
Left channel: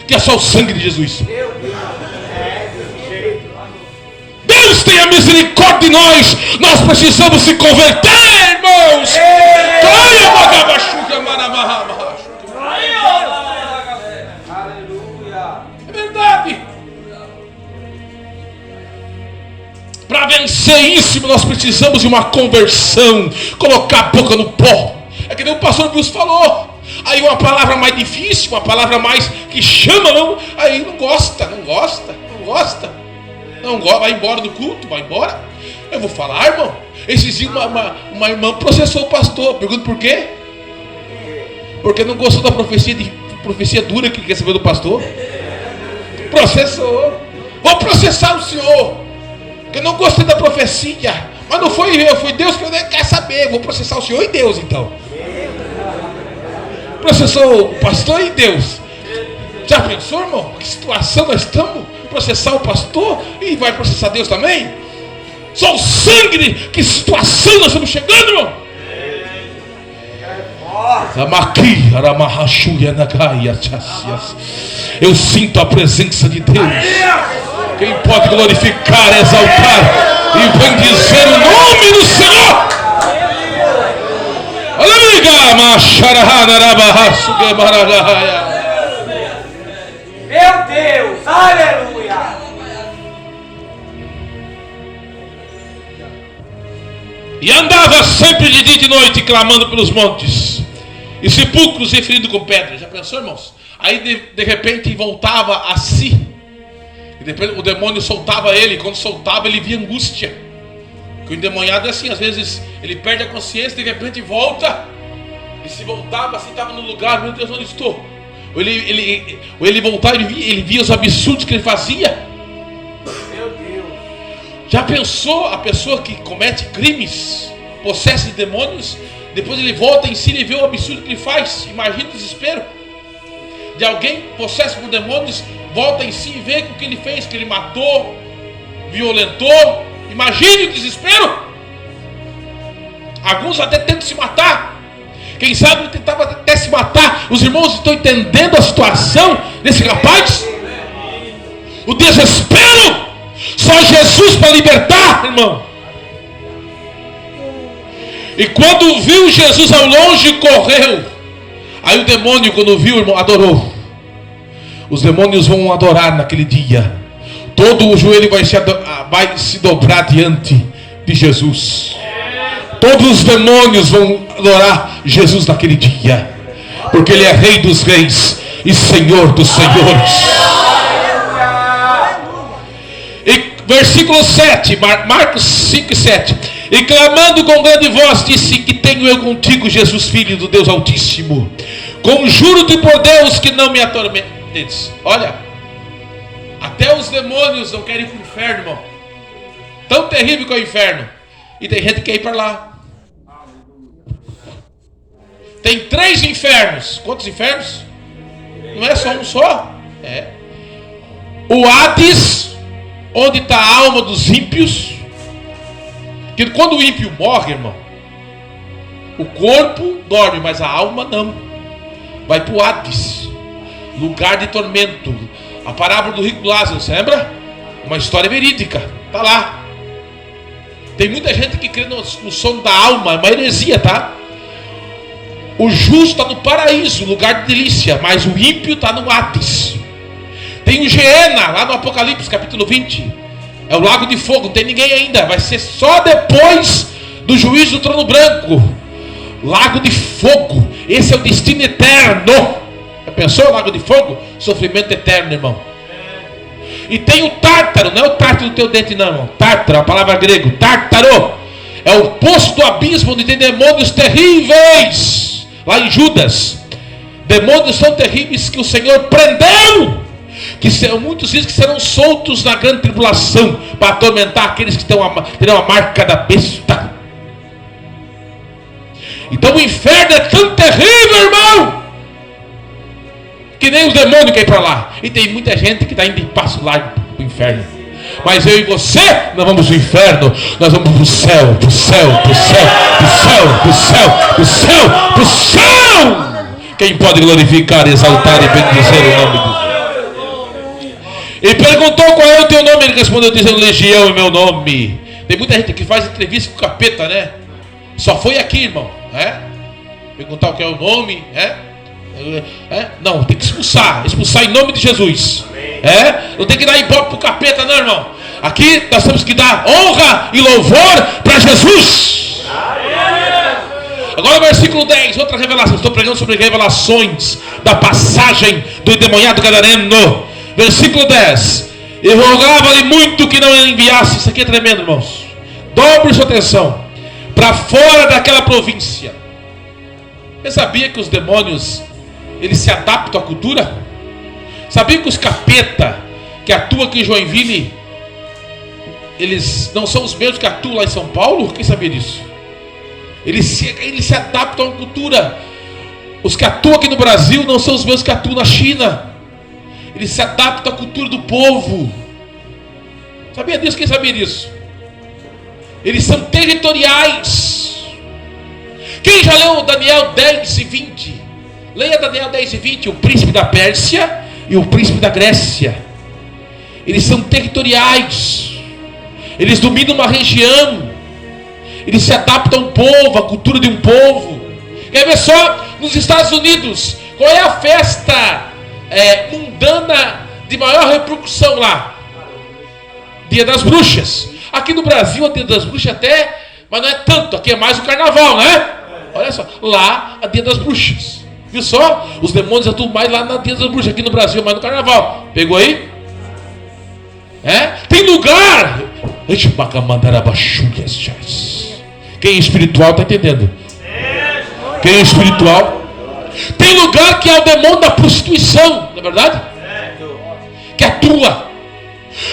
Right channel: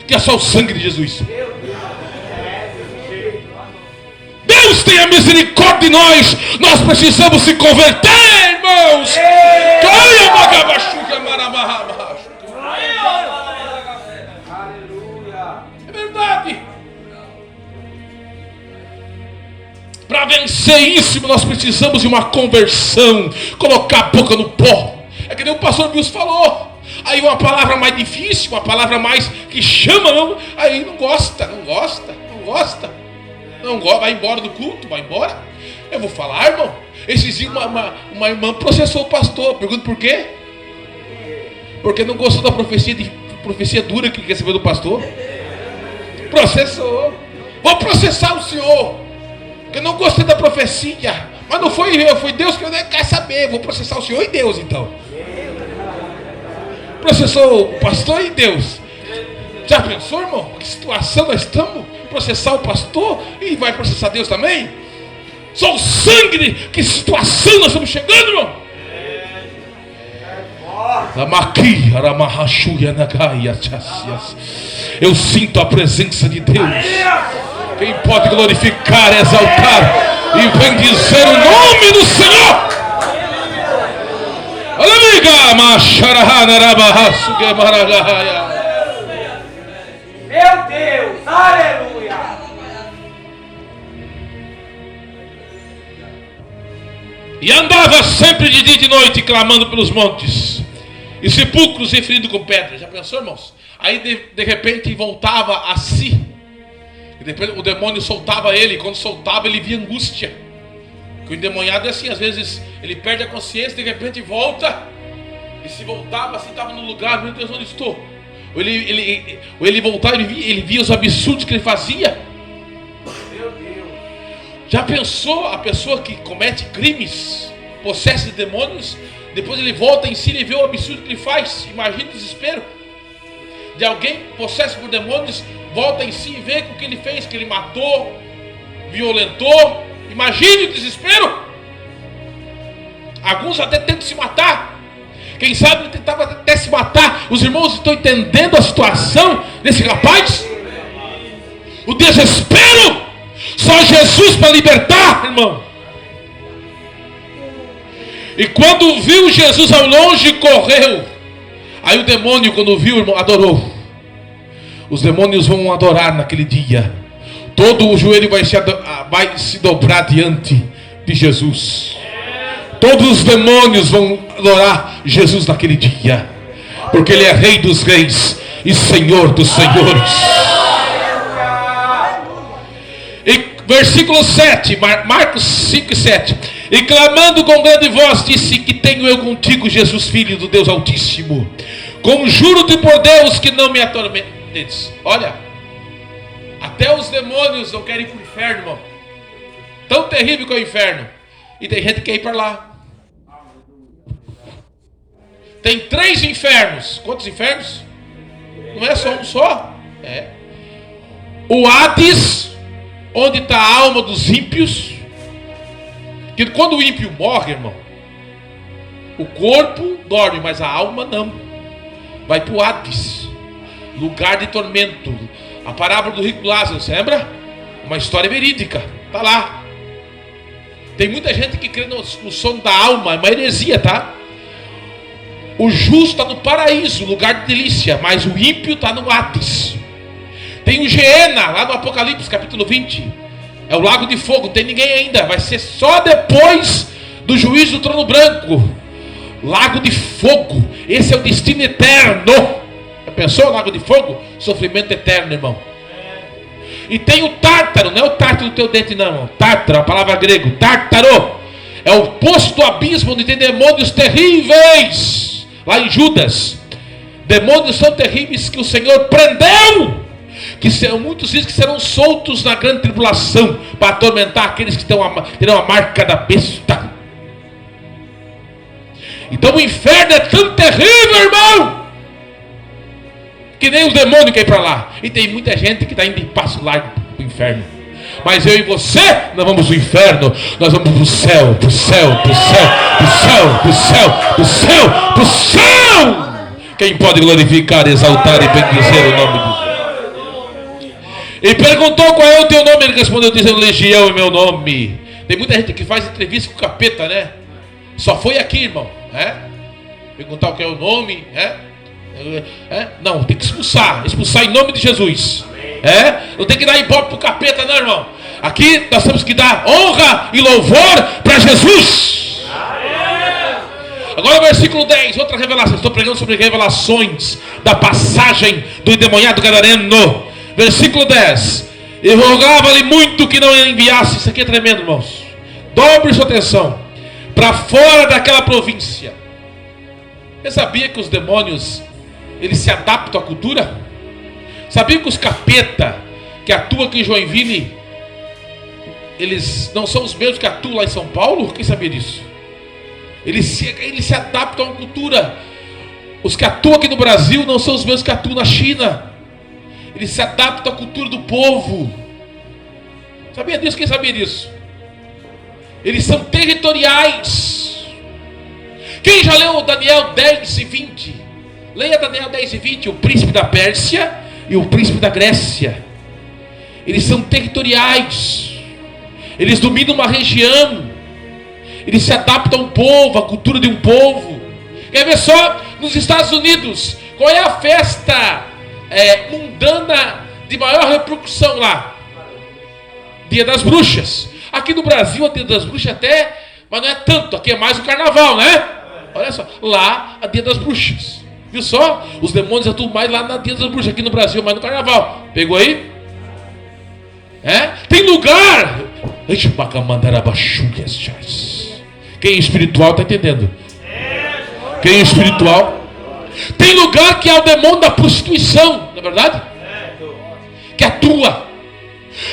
que é só o sangue de Jesus. Deus tenha misericórdia de nós. Nós precisamos se converter, irmãos. É verdade. Para vencer isso, nós precisamos de uma conversão. Colocar a boca no pó. É que nem o pastor Wilson falou. Aí uma palavra mais difícil, uma palavra mais que chama, não. Aí não gosta. Não, vai embora do culto, vai embora. Eu vou falar, irmão. Esses dias uma irmã processou o pastor. Pergunto por quê? Porque não gostou da profecia dura que recebeu do pastor. Processou. Vou processar o senhor, que eu não gostei da profecia. Mas não foi eu, foi Deus que eu nem quero saber. Vou processar o senhor e Deus então. Processou o pastor e Deus. Já pensou, irmão? Que situação nós estamos? Processar o pastor e vai processar Deus também? Só o sangue, que situação nós estamos chegando, irmão? Eu sinto a presença de Deus. Quem pode glorificar, exaltar e bendizer o nome do Senhor? Meu Deus, aleluia. E andava sempre de dia e de noite, clamando pelos montes e sepulcros e ferido com pedras. Já pensou, irmãos? Aí de repente voltava a si. E depois o demônio soltava ele. E quando soltava, ele via angústia. Porque o endemoniado é assim, às vezes ele perde a consciência, de repente volta. E se voltava assim, estava no lugar, meu Deus, onde estou? Ou ele voltava, ele via os absurdos que ele fazia. Meu Deus. Já pensou a pessoa que comete crimes, possessa de demônios, depois ele volta em si e vê o absurdo que ele faz? Imagina o desespero de alguém possesso por demônios, volta em si e vê o que ele fez, que ele matou, violentou. Imagine o desespero. Alguns até tentam se matar. Quem sabe ele tentava até se matar. Os irmãos estão entendendo a situação desse rapaz? O desespero. Só Jesus para libertar, irmão. E quando viu Jesus ao longe, correu. Aí o demônio, quando viu, irmão, adorou. Os demônios vão adorar naquele dia. Todo o joelho vai se dobrar diante de Jesus. Todos os demônios vão adorar Jesus naquele dia, porque Ele é Rei dos Reis e Senhor dos Senhores. E versículo 7, Marcos 5 e 7. E clamando com grande voz, disse: que tenho eu contigo, Jesus, Filho do Deus Altíssimo? Conjuro-te por Deus que não me atormentes. Olha, até os demônios não querem ir para o inferno, irmão. Tão terrível que é o inferno. E tem gente que quer ir para lá. Tem 3 infernos. Quantos infernos? Não é só um só? É. O Hades, onde está a alma dos ímpios. Que quando o ímpio morre, irmão, o corpo dorme, mas a alma não. Vai para o Hades, lugar de tormento. A parábola do rico Lázaro, você lembra? Uma história verídica. Está lá. Tem muita gente que crê no sono da alma. É uma heresia, tá? O justo está no paraíso, lugar de delícia, mas o ímpio está no Hades. Tem o Geena, lá no Apocalipse, capítulo 20. É o lago de fogo, não tem ninguém ainda. Vai ser só depois do juízo do trono branco. Lago de fogo. Esse é o destino eterno. Já pensou, lago de fogo? Sofrimento eterno, irmão. E tem o Tártaro, não é o Tártaro do teu dente não, irmão. Tártaro, a palavra grego, Tártaro. É o poço do abismo onde tem demônios terríveis. Lá em Judas, demônios tão terríveis que o Senhor prendeu, que muitos dizem que serão soltos na grande tribulação, para atormentar aqueles que terão a marca da besta. Então o inferno é tão terrível, irmão, que nem os demônios querem ir para lá. E tem muita gente que está indo em passo largo para o inferno. Mas eu e você, nós vamos para o inferno. Nós vamos para o céu, para o céu, para o céu, para o céu, para o céu, para o céu, para o céu. Quem pode glorificar, exaltar e bendizer o nome de Deus? E perguntou: qual é o teu nome? Ele respondeu dizendo: Legião é meu nome. Tem muita gente que faz entrevista com o capeta, né? Só foi aqui, irmão, né? Perguntar o que é o nome, né? Não, tem que expulsar em nome de Jesus. Não tem que dar ibope pro capeta, não, irmão. Aqui nós temos que dar honra e louvor para Jesus. Agora versículo 10, outra revelação. Estou pregando sobre revelações da passagem do endemoniado gadareno. Versículo 10. E rogava-lhe muito que não enviasse. Isso aqui é tremendo, irmãos. Dobre sua atenção. Para fora daquela província. Você sabia que os demônios, eles se adaptam à cultura? Sabia que os capeta que atuam aqui em Joinville, eles não são os mesmos que atuam lá em São Paulo? Quem sabia disso? Eles se adaptam à cultura. Os que atuam aqui no Brasil não são os mesmos que atuam na China. Eles se adaptam à cultura do povo. Sabia disso? Quem sabia disso? Eles são territoriais. Quem já leu Daniel 10 e 20? Leia Daniel 10 e 20. O príncipe da Pérsia e o príncipe da Grécia. Eles são territoriais. Eles dominam uma região. Eles se adaptam a um povo, à cultura de um povo. Quer ver só? Nos Estados Unidos, qual é a festa mundana de maior repercussão lá? Dia das Bruxas. Aqui no Brasil, a Dia das Bruxas até, mas não é tanto. Aqui é mais o carnaval, né? Olha só, lá a Dia das Bruxas. Viu só? Os demônios atuam mais lá na Dia das Bruxas. Aqui no Brasil, mais no carnaval. Pegou aí? Tem lugar. Quem é espiritual está entendendo? Quem é espiritual? Tem lugar que é o demônio da prostituição, não é verdade? Que atua.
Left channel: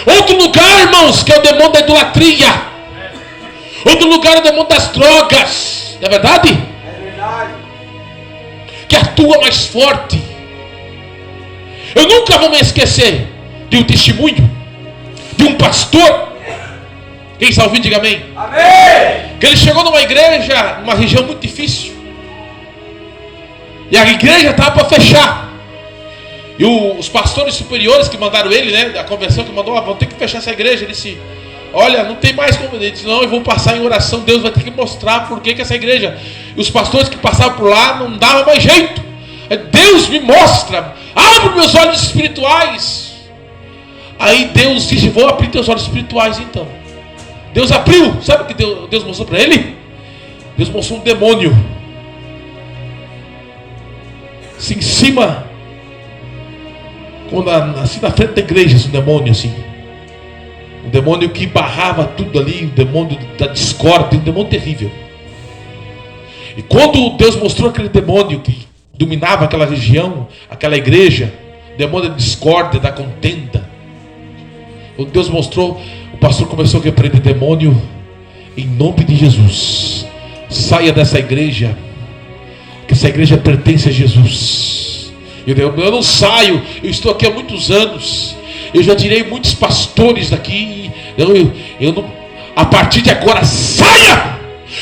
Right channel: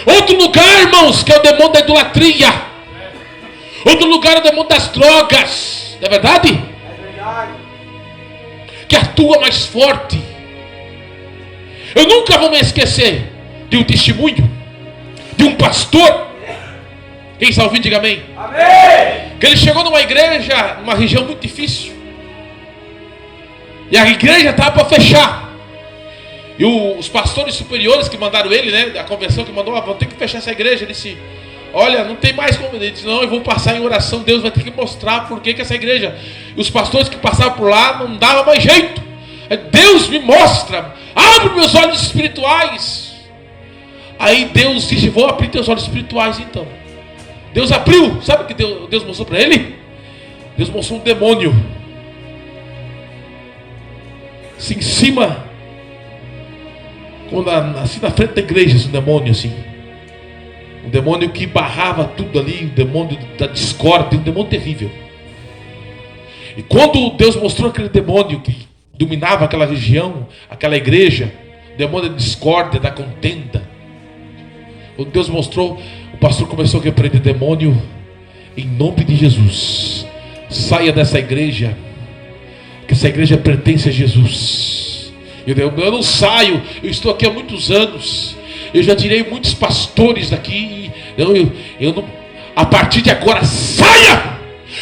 Outro lugar, irmãos, que é o demônio da idolatria. Outro lugar é o demônio das drogas, não é verdade? Que atua mais forte. Eu nunca vou me esquecer de um testemunho de um pastor. Quem está ouvindo, diga amém. Amém. Que ele chegou numa igreja, numa região muito difícil, e a igreja estava para fechar. E os pastores superiores que mandaram ele, né, a convenção que mandou, vão ter que fechar essa igreja. Ele disse, olha, não tem mais como. Ele disse, não, eu vou passar em oração, Deus vai ter que mostrar por que essa igreja. E os pastores que passavam por lá não dava mais jeito. Deus me mostra, abre meus olhos espirituais. Aí Deus disse, vou abrir teus olhos espirituais então. Deus abriu, sabe o que Deus mostrou para ele? Deus mostrou um demônio, assim em cima, assim na frente da igreja, esse demônio assim. Um demônio que barrava tudo ali, um demônio da discórdia, um demônio terrível. E quando Deus mostrou aquele demônio que dominava aquela região, aquela igreja, o demônio da discórdia, da contenda, quando Deus mostrou, o pastor começou a repreender demônio em nome de Jesus. Saia dessa igreja, que essa igreja pertence a Jesus. Eu não saio, eu estou aqui há muitos anos, eu já tirei muitos pastores daqui. Eu não, a partir de agora, saia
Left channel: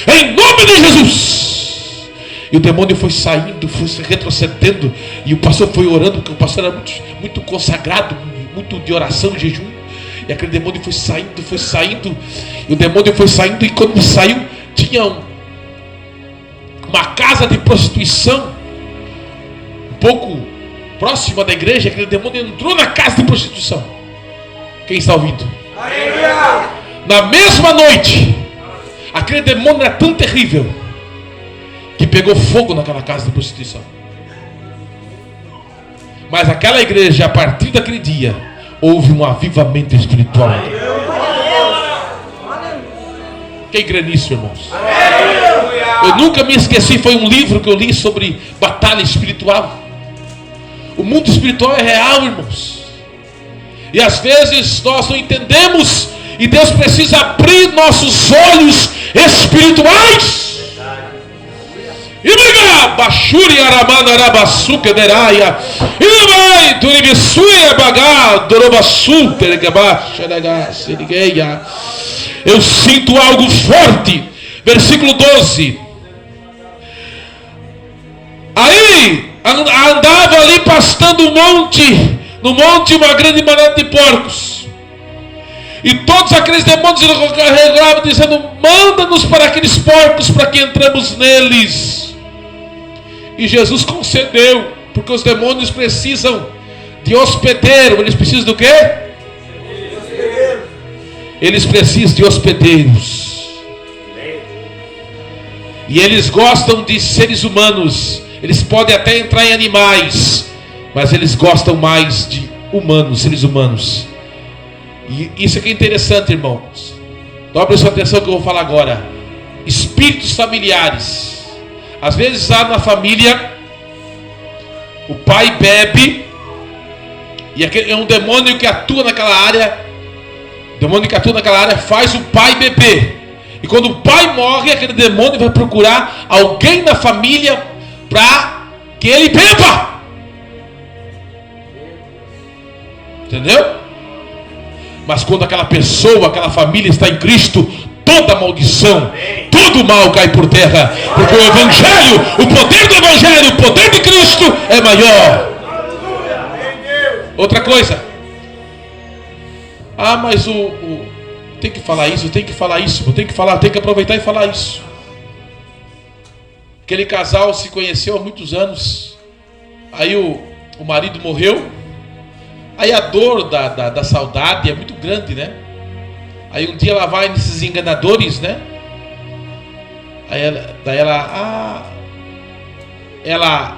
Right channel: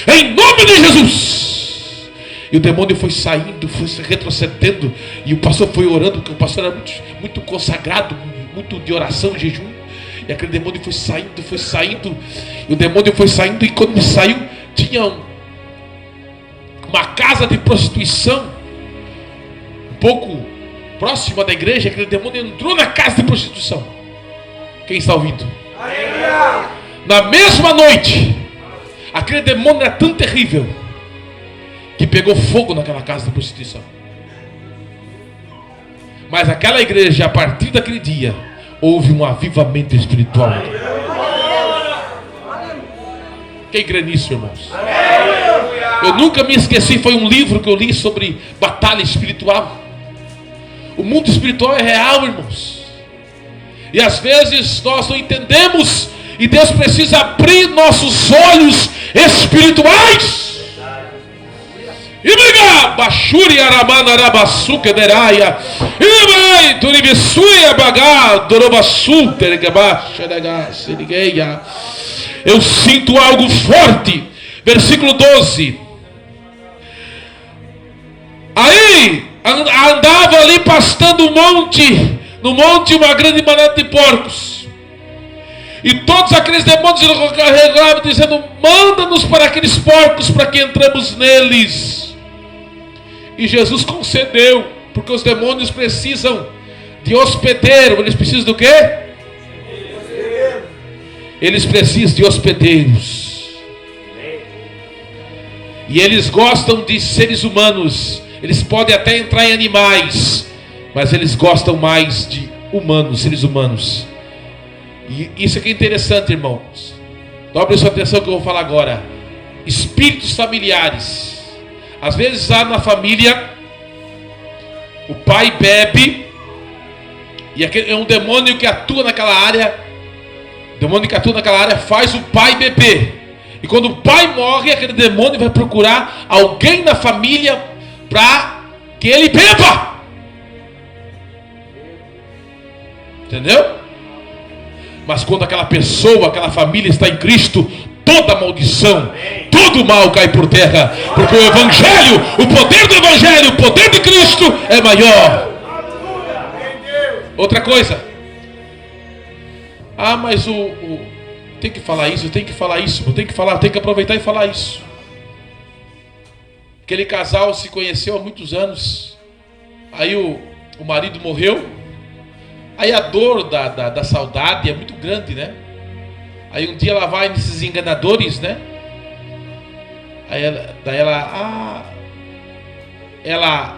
em nome de Jesus. E o demônio foi saindo, foi se retrocedendo, e o pastor foi orando, porque o pastor era muito consagrado, muito de oração, de jejum. E aquele demônio foi saindo, e o demônio foi saindo, e quando ele saiu, tinha uma casa de prostituição, um pouco próxima da igreja. Aquele demônio entrou na casa de prostituição. Quem está ouvindo? Na mesma noite, aquele demônio era tão terrível, que pegou fogo naquela casa de prostituição. Mas aquela igreja, a partir daquele dia, houve um avivamento espiritual. Quem crê nisso, irmãos? Eu nunca me esqueci, foi um livro que eu li sobre batalha espiritual. O mundo espiritual é real, irmãos. E às vezes nós não entendemos, e Deus precisa abrir nossos olhos espirituais. Imiga Bashuri Aramana Arabasuke Deraia. Imai Turibisuia Bagá Dorobasu Teregabaxa Negasegueia. Eu sinto algo forte. Versículo 12. Aí andava ali pastando no monte uma grande manada de porcos. E todos aqueles demônios carregavam, dizendo: manda-nos para aqueles porcos, para que entremos neles. E Jesus concedeu, porque os demônios precisam de hospedeiro. Eles precisam do quê? Eles precisam de hospedeiros. E eles gostam de seres humanos. Eles podem até entrar em animais, mas eles gostam mais de humanos, seres humanos. E isso aqui é interessante, irmãos. Dobre sua atenção que eu vou falar agora. Espíritos familiares. Às vezes lá na família, o pai bebe, E aquele é um demônio que atua naquela área. O demônio que atua naquela área faz o pai beber. E quando o pai morre, aquele demônio vai procurar alguém na família para que ele beba. Entendeu? Mas quando aquela pessoa, aquela família está em Cristo, toda maldição, todo mal cai por terra. Porque o Evangelho, o poder do Evangelho, o poder de Cristo é maior. Outra coisa. Ah, mas tem que falar isso, tem que falar isso, tem que aproveitar e falar isso. Aquele casal se conheceu há muitos anos. Aí o marido morreu. Aí a dor da saudade é muito grande, né? Aí um dia ela vai nesses enganadores, né? Daí ela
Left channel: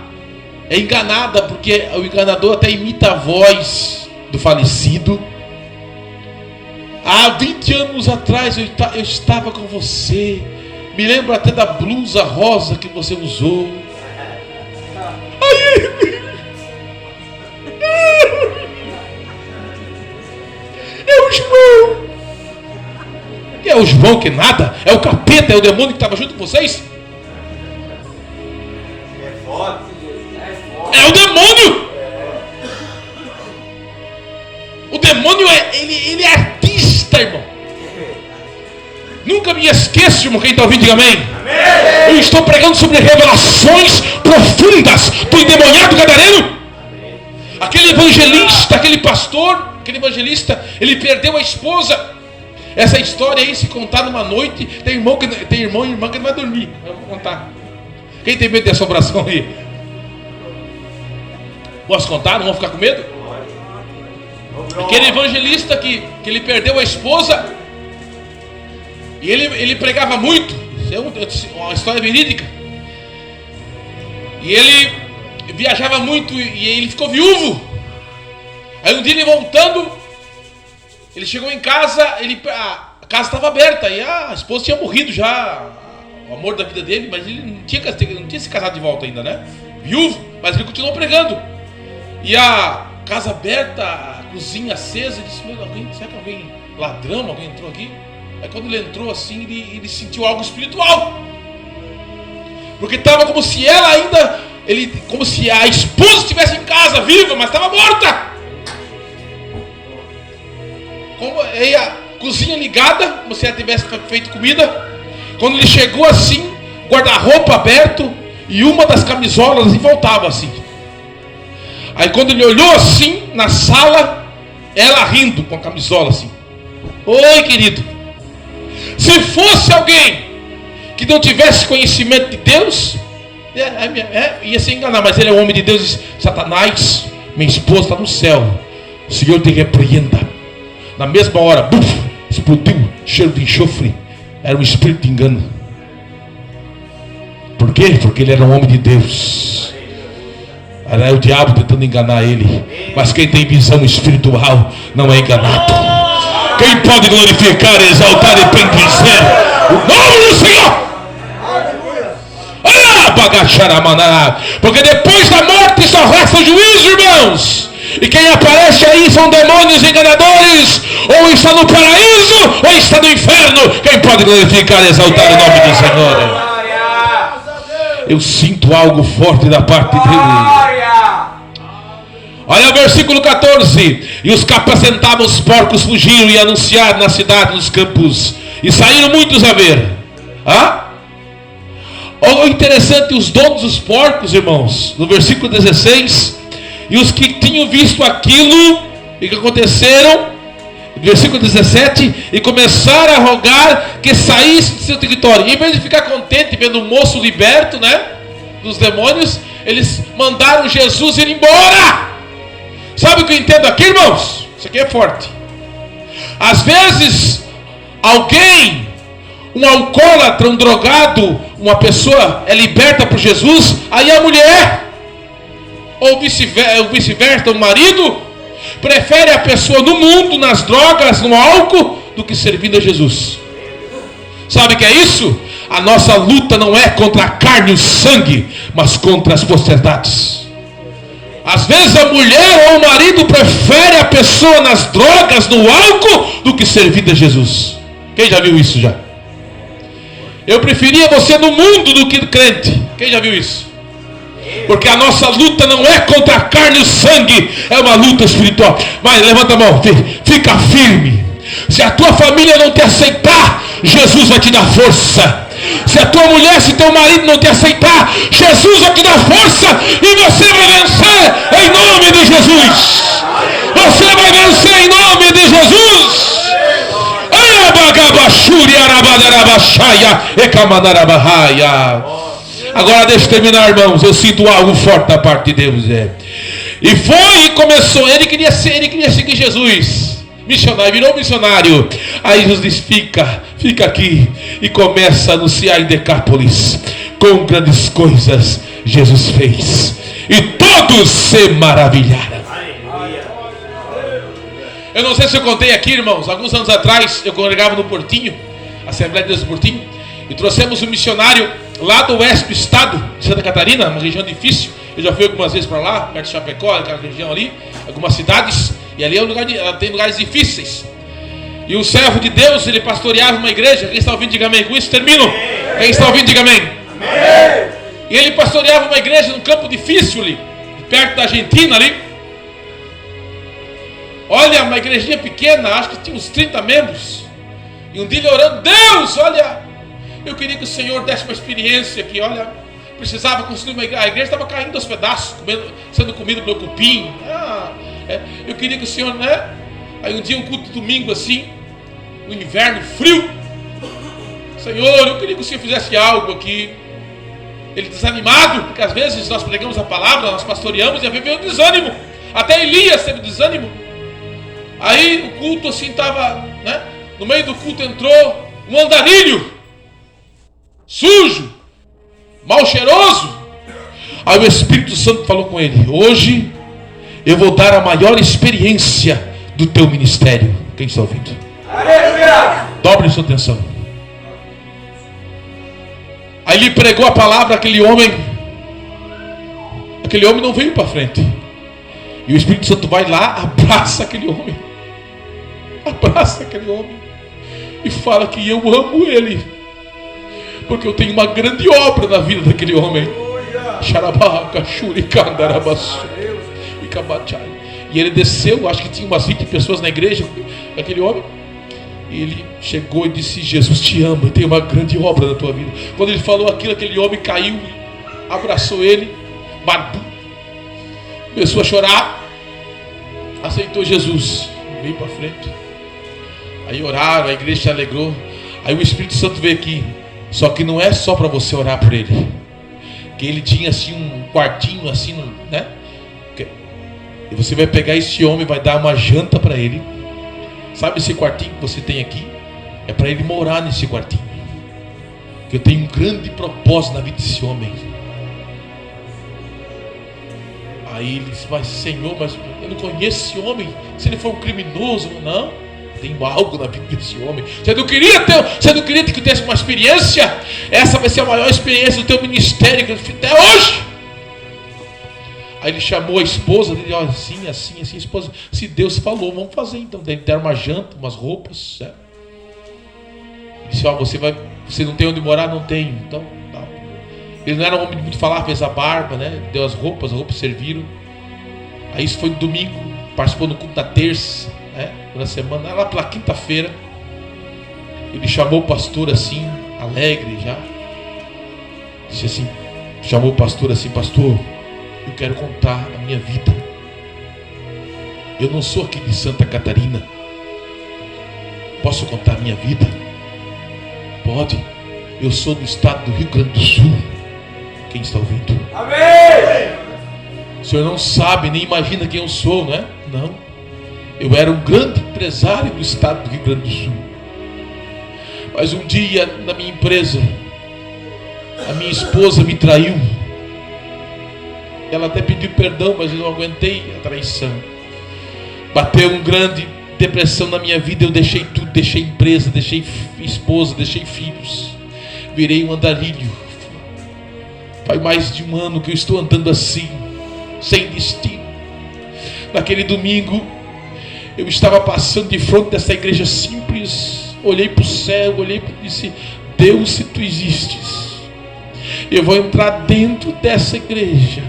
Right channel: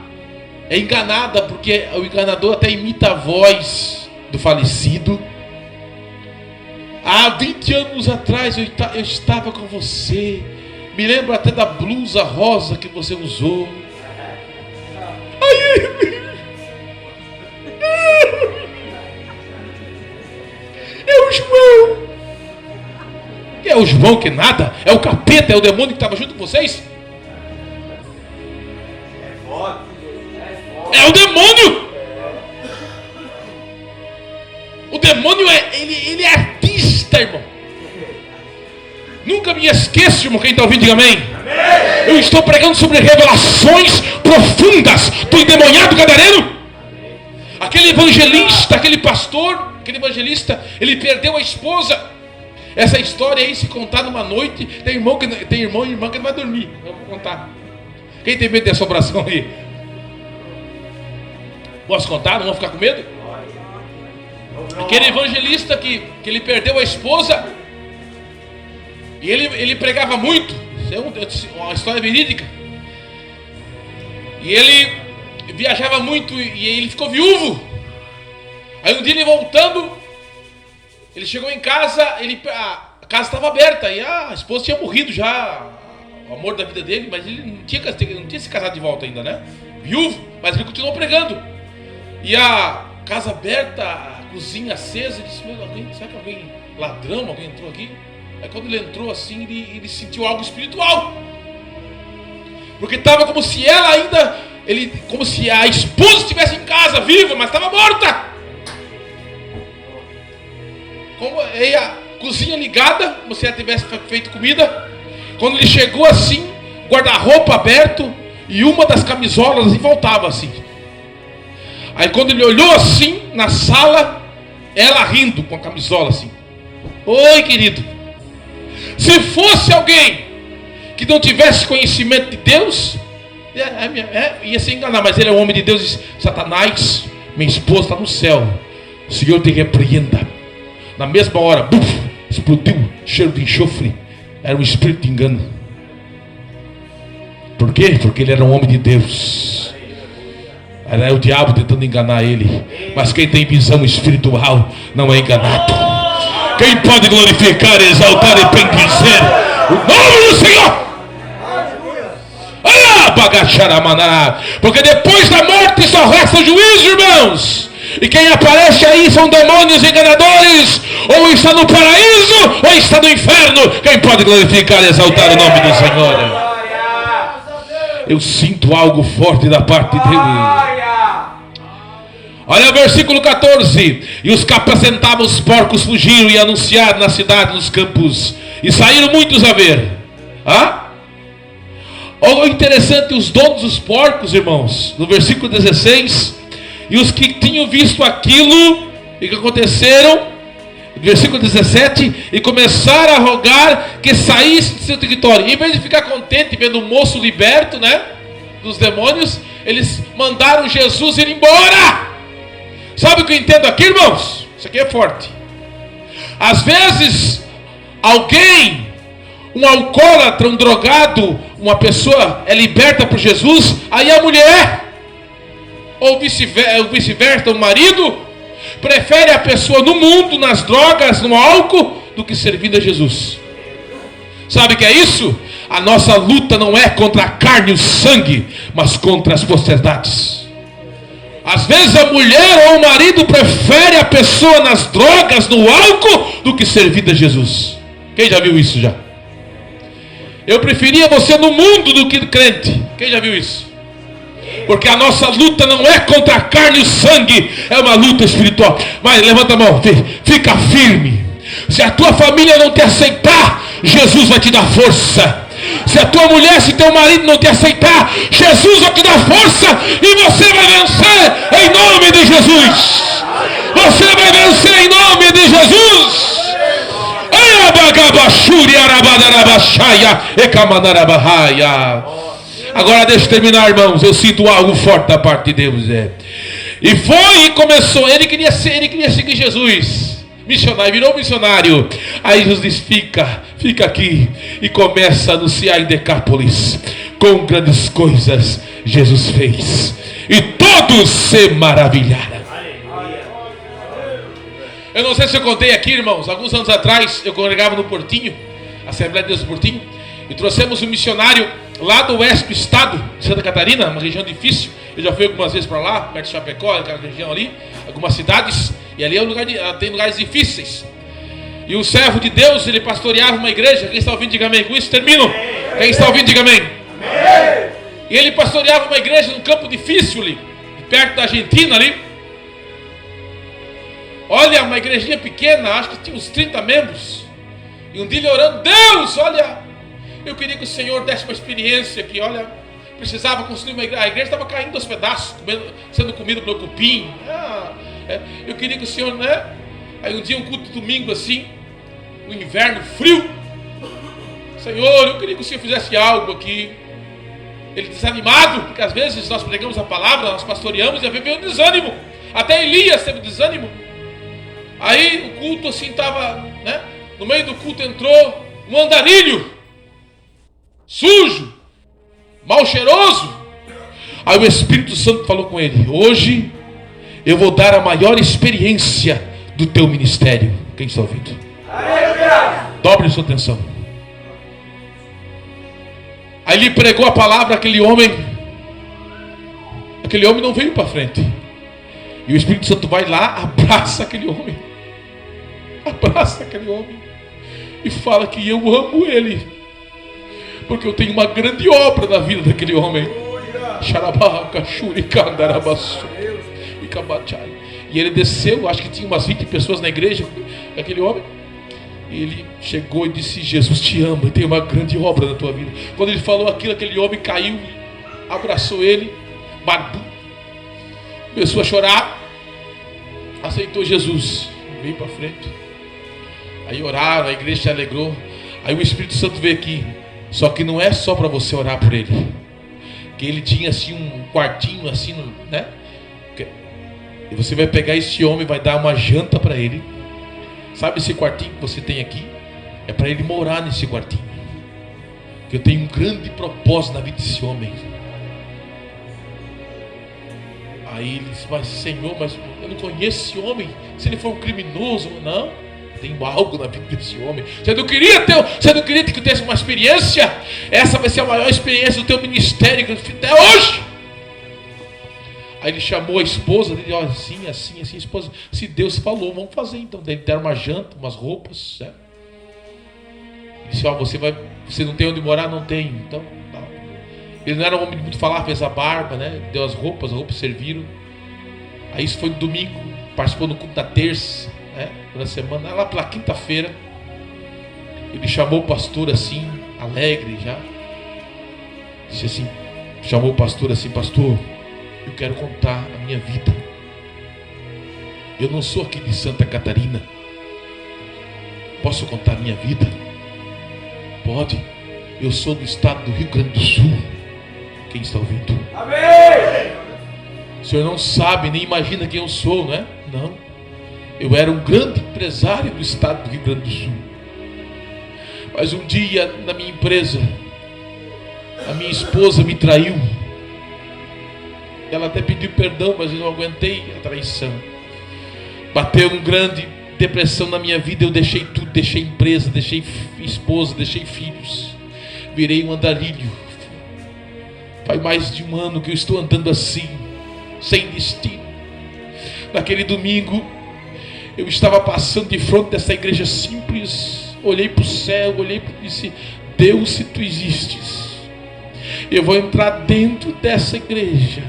é enganada, porque o enganador até imita a voz do falecido. Há 20 anos atrás eu estava com você. Me lembro até da blusa rosa que você usou. Aí... É o João. É o João que nada? É o capeta, é o demônio que estava junto com vocês? É o demônio. O demônio ele é artista, irmão. Nunca me esqueço, irmão. Quem está ouvindo, diga amém. Amém. Eu estou pregando sobre revelações profundas do endemoniado gadareno. Aquele evangelista, aquele pastor, aquele evangelista, ele perdeu a esposa. Essa história aí, se contar numa noite, tem irmão e irmã que não vai dormir. Eu vou contar. Quem tem medo de assombração aí? Posso contar? Não vão ficar com medo? Aquele evangelista que ele perdeu a esposa. E ele pregava muito. Isso é uma história verídica. E ele viajava muito e ele ficou viúvo. Aí um dia ele voltando, ele chegou em casa, a casa estava aberta e a esposa tinha morrido já, o amor da vida dele, mas ele não tinha se casado de volta ainda, né? Viúvo, mas ele continuou pregando. E a casa aberta, a cozinha acesa, ele disse: meu, será que alguém, ladrão, alguém entrou aqui? Aí quando ele entrou assim, ele sentiu algo espiritual. Porque estava como se ela ainda, como se a esposa estivesse em casa, viva, mas estava morta. Como aí a cozinha ligada, como se ela tivesse feito comida. Quando ele chegou assim, guarda-roupa aberto e uma das camisolas e voltava assim. Aí quando ele olhou assim na sala, ela rindo com a camisola assim: oi, querido. Se fosse alguém que não tivesse conhecimento de Deus, ia se enganar, mas ele é um homem de Deus. Diz: Satanás, minha esposa está no céu, o Senhor te repreenda. Na mesma hora, buf, explodiu cheiro de enxofre. Era um espírito de engano. Por quê? Porque ele era um homem de Deus. Era o diabo tentando enganar ele. Mas quem tem visão espiritual não é enganado. Quem pode glorificar, exaltar e bendizer o nome do Senhor? Porque depois da morte só resta o juízo, irmãos. E quem aparece aí são demônios enganadores. Ou está no paraíso, ou está no inferno. Quem pode glorificar e exaltar o nome do Senhor? Eu sinto algo forte da parte dele. Olha o versículo 14. E os que apacentavam os porcos fugiram e anunciaram na cidade, nos campos. E saíram muitos a ver. Olha interessante, os donos dos porcos, irmãos, no versículo 16. E os que tinham visto aquilo e que aconteceram, versículo 17, e começaram a rogar que saísse de seu território. E em vez de ficar contente vendo o moço liberto, né, dos demônios, eles mandaram Jesus ir embora. Sabe o que eu entendo aqui, irmãos? Isso aqui é forte. Às vezes alguém, um alcoólatra, um drogado, uma pessoa é liberta por Jesus, aí a mulher, ou vice-versa, o marido prefere a pessoa no mundo, nas drogas, no álcool, do que servindo a Jesus. Sabe o que é isso? A nossa luta não é contra a carne e o sangue, mas contra as potestades. Às vezes a mulher ou o marido prefere a pessoa nas drogas, no álcool, do que servir a Jesus. Quem já viu isso já? Eu preferia você no mundo do que crente. Quem já viu isso? Porque a nossa luta não é contra a carne e o sangue, é uma luta espiritual. Mas levanta a mão, fica firme. Se a tua família não te aceitar, Jesus vai te dar força. Se a tua mulher, se teu marido não te aceitar, Jesus vai te dar força e você vai vencer em nome de Jesus. Você vai vencer em nome de Jesus. Agora deixa eu terminar, irmãos. Eu sinto algo forte da parte de Deus. E foi e começou. Ele queria seguir Jesus. Missionário, virou missionário. Aí Jesus diz: fica aqui. E começa a anunciar em Decápolis. Com grandes coisas Jesus fez. E todos se maravilharam. Eu não sei se eu contei aqui, irmãos. Alguns anos atrás eu congregava no Portinho, Assembleia de Deus do Portinho. E trouxemos um missionário lá do oeste do estado de Santa Catarina, uma região difícil. Eu já fui algumas vezes para lá, perto de Chapecó, aquela região ali, algumas cidades. E ali é um lugar tem lugares difíceis. E o servo de Deus, ele pastoreava uma igreja. Quem está ouvindo, diga amém. Com isso termino. Quem está ouvindo, diga amém. E ele pastoreava uma igreja num campo difícil ali, perto da Argentina ali. Olha, uma igrejinha pequena, acho que tinha uns 30 membros. E um dia ele orando: Deus, olha, eu queria que o Senhor desse uma experiência aqui. Olha, precisava construir uma igreja. A igreja estava caindo aos pedaços, sendo comida pelo cupim. Eu queria que o Senhor, né? Aí um dia, um culto de domingo assim, no inverno, frio. Senhor, eu queria que o Senhor fizesse algo aqui. Ele desanimado, porque às vezes nós pregamos a palavra, nós pastoreamos e às vezes veio o desânimo. Até Elias teve desânimo. Aí o culto assim estava, né? No meio do culto entrou um andarilho, sujo, mal cheiroso. Aí o Espírito Santo falou com ele: hoje eu vou dar a maior experiência do teu ministério. Quem está ouvindo? Dobre sua atenção. Aí ele pregou a palavra àquele homem. Aquele homem não veio para frente. E o Espírito Santo vai lá, abraça aquele homem. Abraça aquele homem. E fala que eu amo ele. Porque eu tenho uma grande obra na vida daquele homem. E ele desceu, acho que tinha umas 20 pessoas na igreja, aquele homem. E ele chegou e disse: Jesus te ama, eu tenho uma grande obra na tua vida. Quando ele falou aquilo, aquele homem caiu, abraçou ele, barbudo, começou a chorar, aceitou Jesus, veio para frente. Aí oraram, a igreja se alegrou. Aí o Espírito Santo veio aqui. Só que não é só para você orar por ele. Que ele tinha assim um quartinho assim, né? E você vai pegar esse homem, vai dar uma janta para ele. Sabe esse quartinho que você tem aqui? É para ele morar nesse quartinho. Que eu tenho um grande propósito na vida desse homem. Aí ele disse: mas Senhor, mas eu não conheço esse homem. Se ele for um criminoso, não. Tem algo na vida desse homem. Você não queria que eu tivesse uma experiência? Essa vai ser a maior experiência do teu ministério que eu fiz até hoje. Aí ele chamou a esposa dele: olha, assim, esposa, se Deus falou, vamos fazer então. Daí deram uma janta, umas roupas, certo? Ele disse: ó, você não tem onde morar? Não tem. Então, não. Ele não era um homem de muito falar, fez a barba, né? Deu as roupas serviram. Aí isso foi no domingo, participou do culto da terça, né? Na semana, lá pela quinta-feira, ele chamou o pastor assim, alegre já. Disse assim, chamou o pastor assim: pastor, eu quero contar a minha vida. Eu não sou aqui de Santa Catarina. Posso contar a minha vida? Pode. Eu sou do estado do Rio Grande do Sul. Quem está ouvindo? Amém! O senhor não sabe, nem imagina quem eu sou, não é? Não. Eu era um grande empresário do estado do Rio Grande do Sul. Mas um dia, na minha empresa, a minha esposa me traiu. Ela até pediu perdão, mas eu não aguentei a traição. Bateu uma grande depressão na minha vida. Eu deixei tudo, deixei empresa, deixei esposa, deixei filhos. Virei um andarilho. Faz mais de um ano que eu estou andando assim, sem destino. naquele domingo, eu estava passando de frente dessa igreja simples, olhei para o céu, olhei e disse: Deus, se tu existes, eu vou entrar dentro dessa igreja,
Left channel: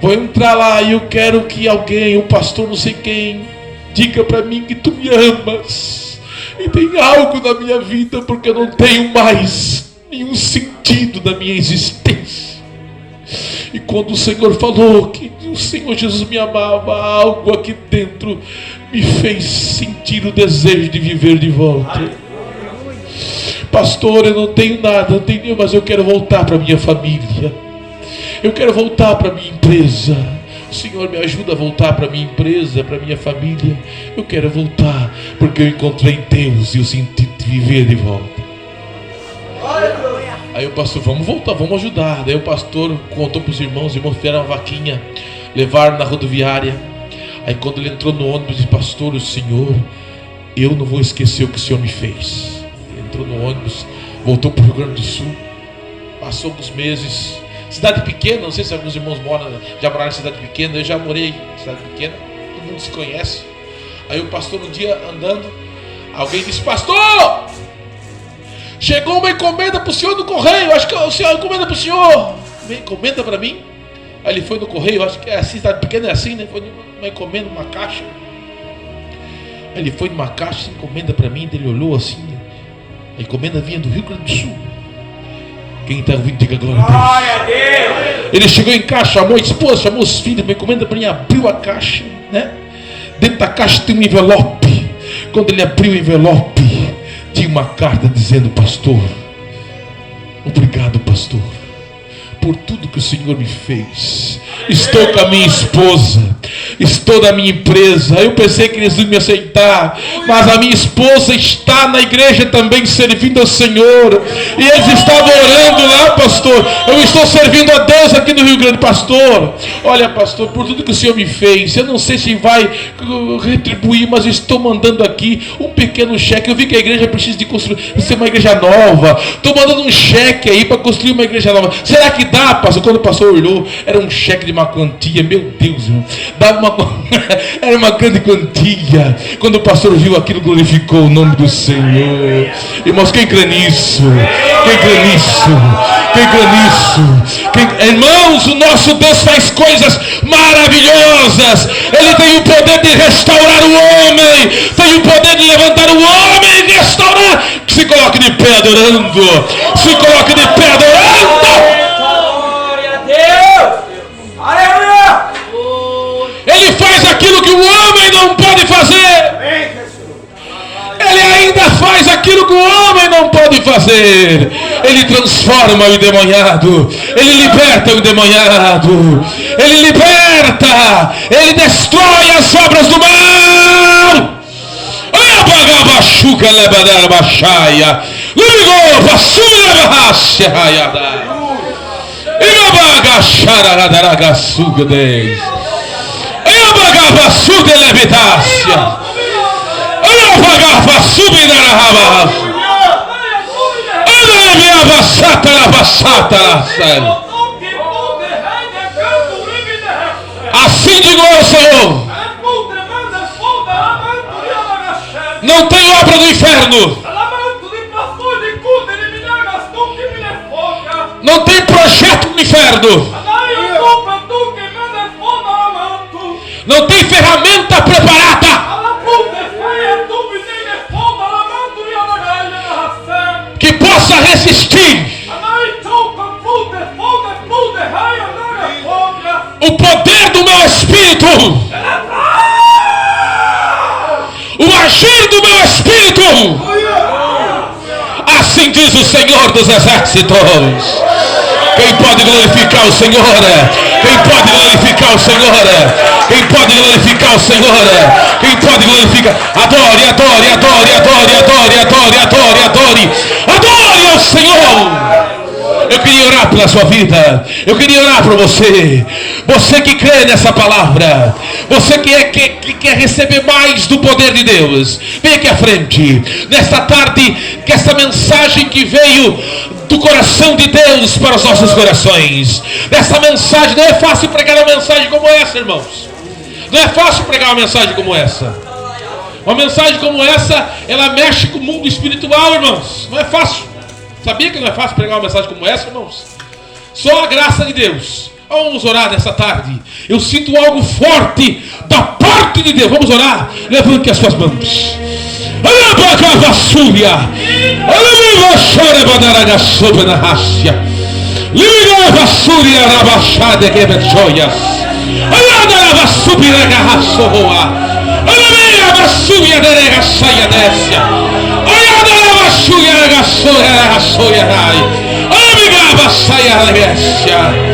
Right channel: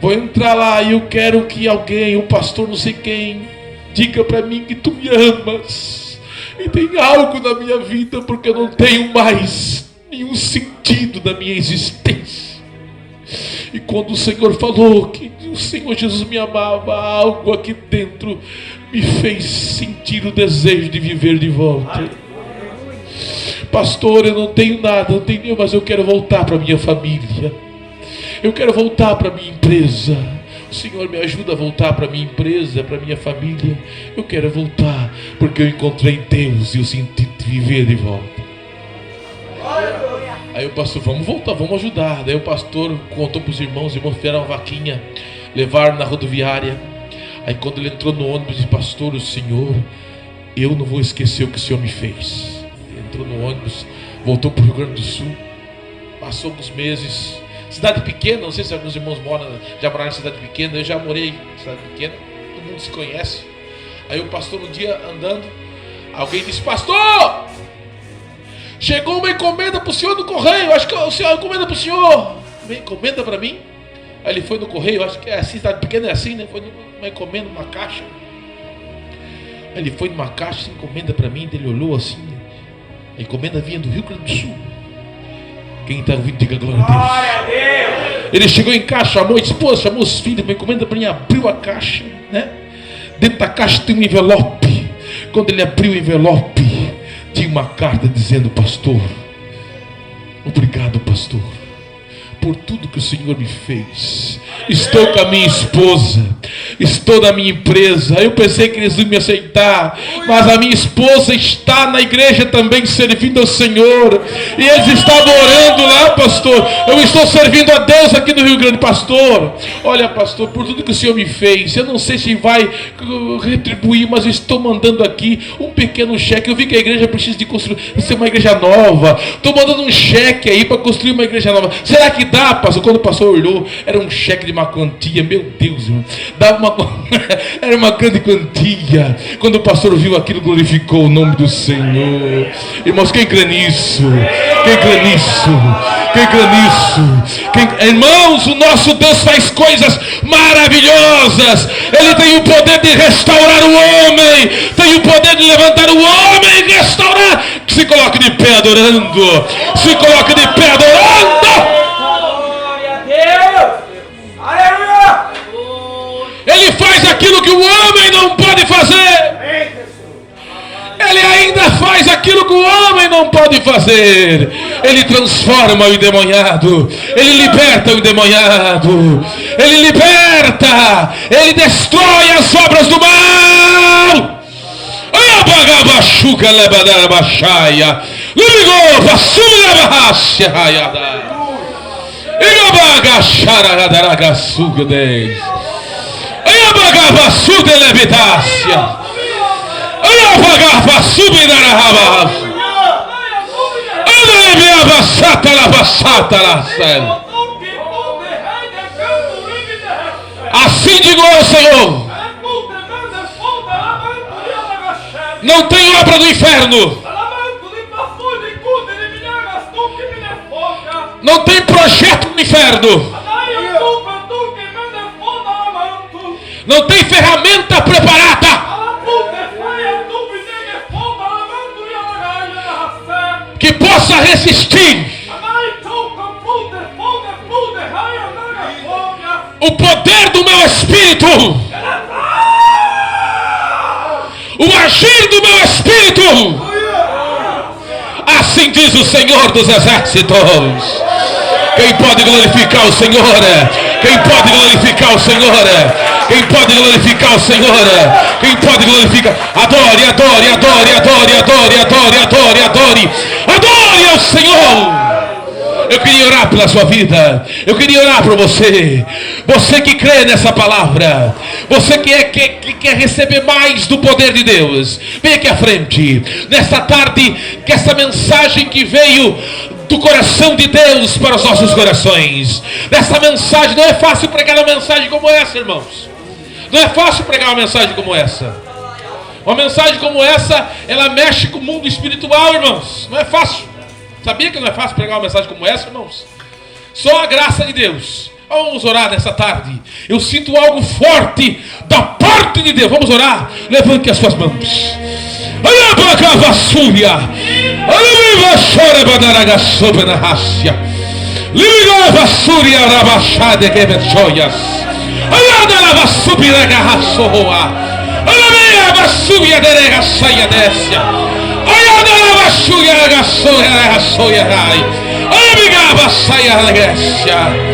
vou entrar lá e eu quero que alguém, o pastor não sei quem, diga para mim que tu me amas e tem algo na minha vida, porque eu não tenho mais nenhum sentido da minha existência. E quando o Senhor falou que o Senhor Jesus me amava, algo aqui dentro me fez sentir o desejo de viver de volta. Pastor, eu não tenho nada, não tenho, mas eu quero voltar para minha família, eu quero voltar para minha empresa. O Senhor me ajuda a voltar para minha empresa, para minha família. Eu quero voltar, porque eu encontrei Deus e eu senti viver de volta. Aí o pastor: vamos voltar, vamos ajudar. Daí o pastor contou para os irmãos fizeram uma vaquinha, levaram na rodoviária. Aí quando ele entrou no ônibus, disse: pastor, o Senhor, eu não vou esquecer o que o Senhor me fez. Ele entrou no ônibus, voltou para o Rio Grande do Sul, passou alguns meses. Cidade pequena, não sei se alguns irmãos já moraram em cidade pequena, eu já morei em cidade pequena, todo mundo se conhece. Aí o pastor, um dia andando, alguém disse: pastor, chegou uma encomenda para o senhor no correio, acho que o senhor encomenda para o senhor. Uma encomenda para mim? Aí ele foi no correio, acho que é assim, cidade pequena é assim, né? Foi uma encomenda, uma caixa. Aí ele foi numa caixa, encomenda para mim, ele olhou assim, né? A encomenda vinha do Rio Grande do Sul. Quem está ouvindo, diga glória a Deus. Ele chegou em casa, chamou a esposa, chamou os filhos, uma encomenda para mim, abriu a caixa, né? Dentro da caixa tem um envelope. Quando ele abriu o envelope, tinha uma carta dizendo: pastor, obrigado, pastor, por tudo que o Senhor me fez. Estou com a minha esposa, estou na minha empresa. Eu pensei que eles iam me aceitar, mas a minha esposa está na igreja também servindo ao Senhor, e eles estavam orando lá, pastor. Eu estou servindo a Deus aqui no Rio Grande. Pastor, olha, pastor, por tudo que o Senhor me fez, eu não sei se vai retribuir, mas eu estou mandando aqui um pequeno cheque. Eu vi que a igreja precisa de construir, ser uma igreja nova. Estou mandando um cheque aí para construir uma igreja nova. Será que dá, pastor? Quando o pastor olhou, era um cheque de uma quantia, meu Deus, irmão, era uma grande quantia. Quando o pastor viu aquilo, glorificou o nome do Senhor. Irmãos, quem crê nisso? Quem crê nisso? Quem crê nisso? Irmãos, o nosso Deus faz coisas maravilhosas. Ele tem o poder de restaurar o homem, tem o poder de levantar o homem e restaurar. Se coloque de pé adorando, se coloque de pé adorando. Ele faz aquilo que o homem não pode fazer. Ele ainda faz aquilo que o homem não pode fazer. Ele transforma o endemoniado. Ele liberta o endemoniado. Ele liberta. Ele destrói as obras do mal. Olha a bagabachuca lebadara baixaia. Lumigou, passou na barracha raiada. E a bagachara radaraga suga 10. Olha a bagavaçuga levitácia. Olha a bagavaçuga na rabacha. Olha a minha baçata na baçata na céu. Assim digo ao Senhor: não tem obra do inferno, não tem projeto do inferno, não tem ferramenta preparada que possa resistir o poder do meu Espírito, o agir do meu Espírito. Assim diz o Senhor dos Exércitos. Quem pode glorificar o Senhor? Quem pode glorificar o Senhor? Quem pode glorificar o Senhor? Quem pode glorificar? Adore, adore, adore, adore, adore, adore, adore, adore. Adore ao Senhor. Eu queria orar pela sua vida. Eu queria orar por você. Você que crê nessa palavra. Você que quer receber mais do poder de Deus. Vem aqui à frente. Nesta tarde, que essa mensagem que veio do coração de Deus para os nossos corações. Nessa mensagem, não é fácil pregar uma mensagem como essa, irmãos. Não é fácil pregar uma mensagem como essa. Uma mensagem como essa, ela mexe com o mundo espiritual, irmãos. Não é fácil. Sabia que não é fácil pregar uma mensagem como essa, irmãos? Só a graça de Deus. Vamos orar nessa tarde. Eu sinto algo forte da parte de Deus. Vamos orar. Levante as suas mãos. Olha a vassúria. Olha a vassúria badaragassoba na raça. Liga a vassúria rabachada que me joias. Olha a vassúria na raça roa. Olha a vassúria da regaçaia descia. Olha a vassúria da regaçaia rai. Olha a vassúria da regaçaia.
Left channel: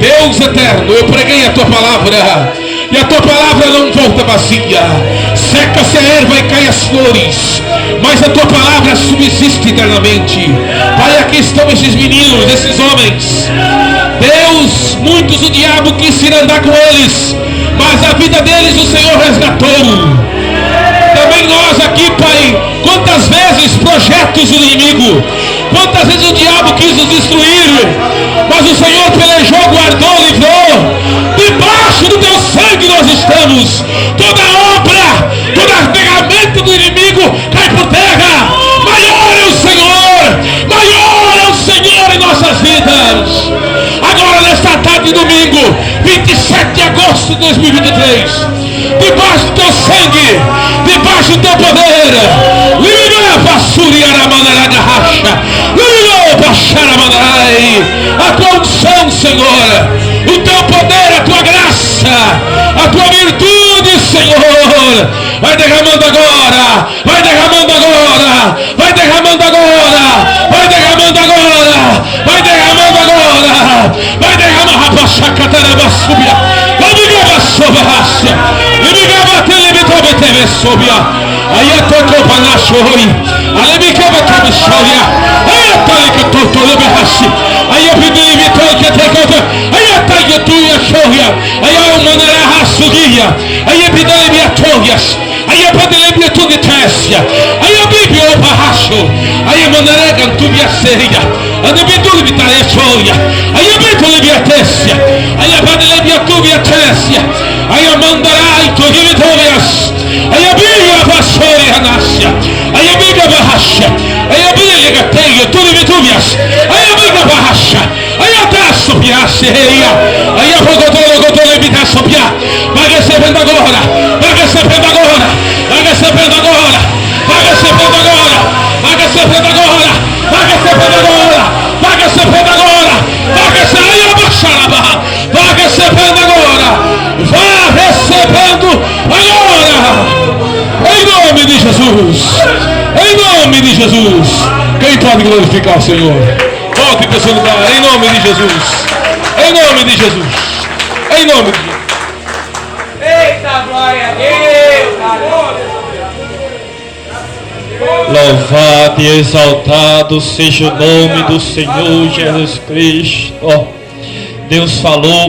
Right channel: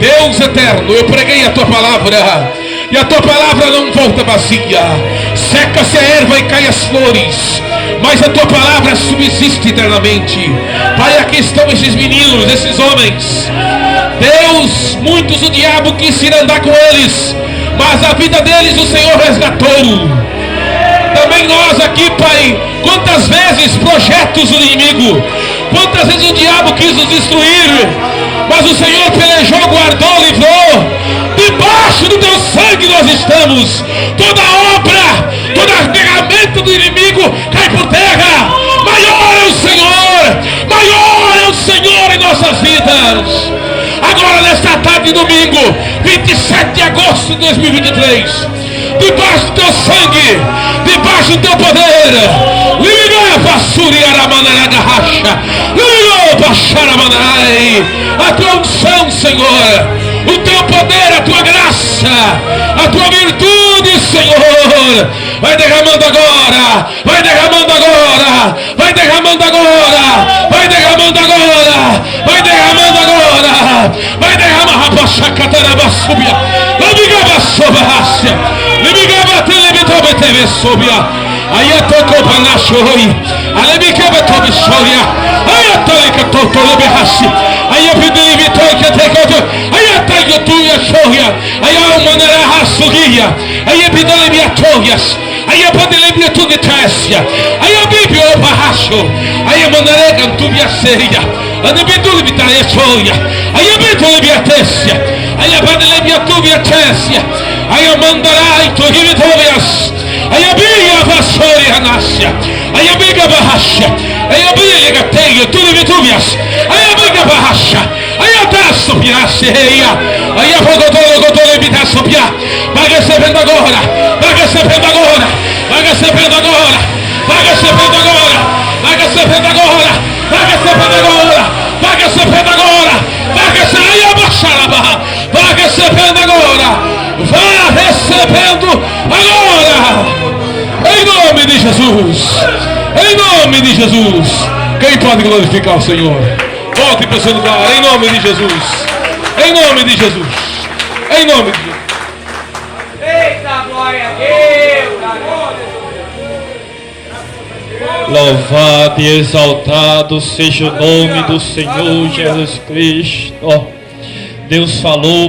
Deus eterno, eu preguei a tua palavra e a tua palavra não volta vazia. Seca-se a erva e cai as flores, mas a tua palavra subsiste eternamente. Pai, aqui estão esses meninos, esses homens. Deus, muitos o diabo quis ir andar com eles, mas a vida deles o Senhor resgatou. Também nós aqui, Pai, quantas vezes projetos do inimigo, quantas vezes o diabo quis nos destruir, mas o Senhor pelejou, guardou, livrou. Debaixo do teu sangue nós estamos. Toda obra, toda ferramenta do inimigo cai por terra. Maior é o Senhor, maior é o Senhor em nossas vidas. Agora nesta tarde de domingo, 27 de agosto de 2023, debaixo do teu sangue, debaixo do teu poder, liga a vassúria na maneira da racha, liga a baixar a maneira, a tua unção, Senhor, o teu poder, a tua graça, a tua virtude, Senhor, vai derramando agora, vai derramando agora, vai derramando agora, vai derramando agora, vai derramando agora, vai derramar a baixa catarabasúbia, vai ligar a sobraça, ligar a televisão, aí é todo balacho oi, aí me quebra toda história, aí é todo que todo leberrache, aí é pedido vitória que até todo, aí é todo tu e a choria, aí é uma maneira raçuria, aí é pedido vitórias, aí é pedido tudo de teste, aí é bíblia o barracho, aí é maneira cantuia seria, aí é pedido vitória choria, aí é pedido vitória, aí é pedido tudo teste, aí é mandará e tudo vitórias. Aí a Bíblia vassoura a nascia. Aí a Bíblia barracha. Aí a Bíblia gateia tudo vitúbias. Aí a Bíblia barracha. Aí a taça pirasse reia. Aí a fogotola evita sopia. Vai recebendo agora. Vai recebendo agora. Vai recebendo agora. Vai recebendo agora. Vai recebendo agora. Vai recebendo agora. Vai recebendo agora. Vai recebendo. Vai recebendo agora. Vai recebendo agora. Em nome de Jesus. Em nome de Jesus. Quem pode glorificar o Senhor? Volte para o seu lugar. Em nome de Jesus. Em nome de Jesus. Em nome de Jesus. Eita, glória a Deus. Louvado e exaltado seja o nome do Senhor Jesus Cristo. Deus falou.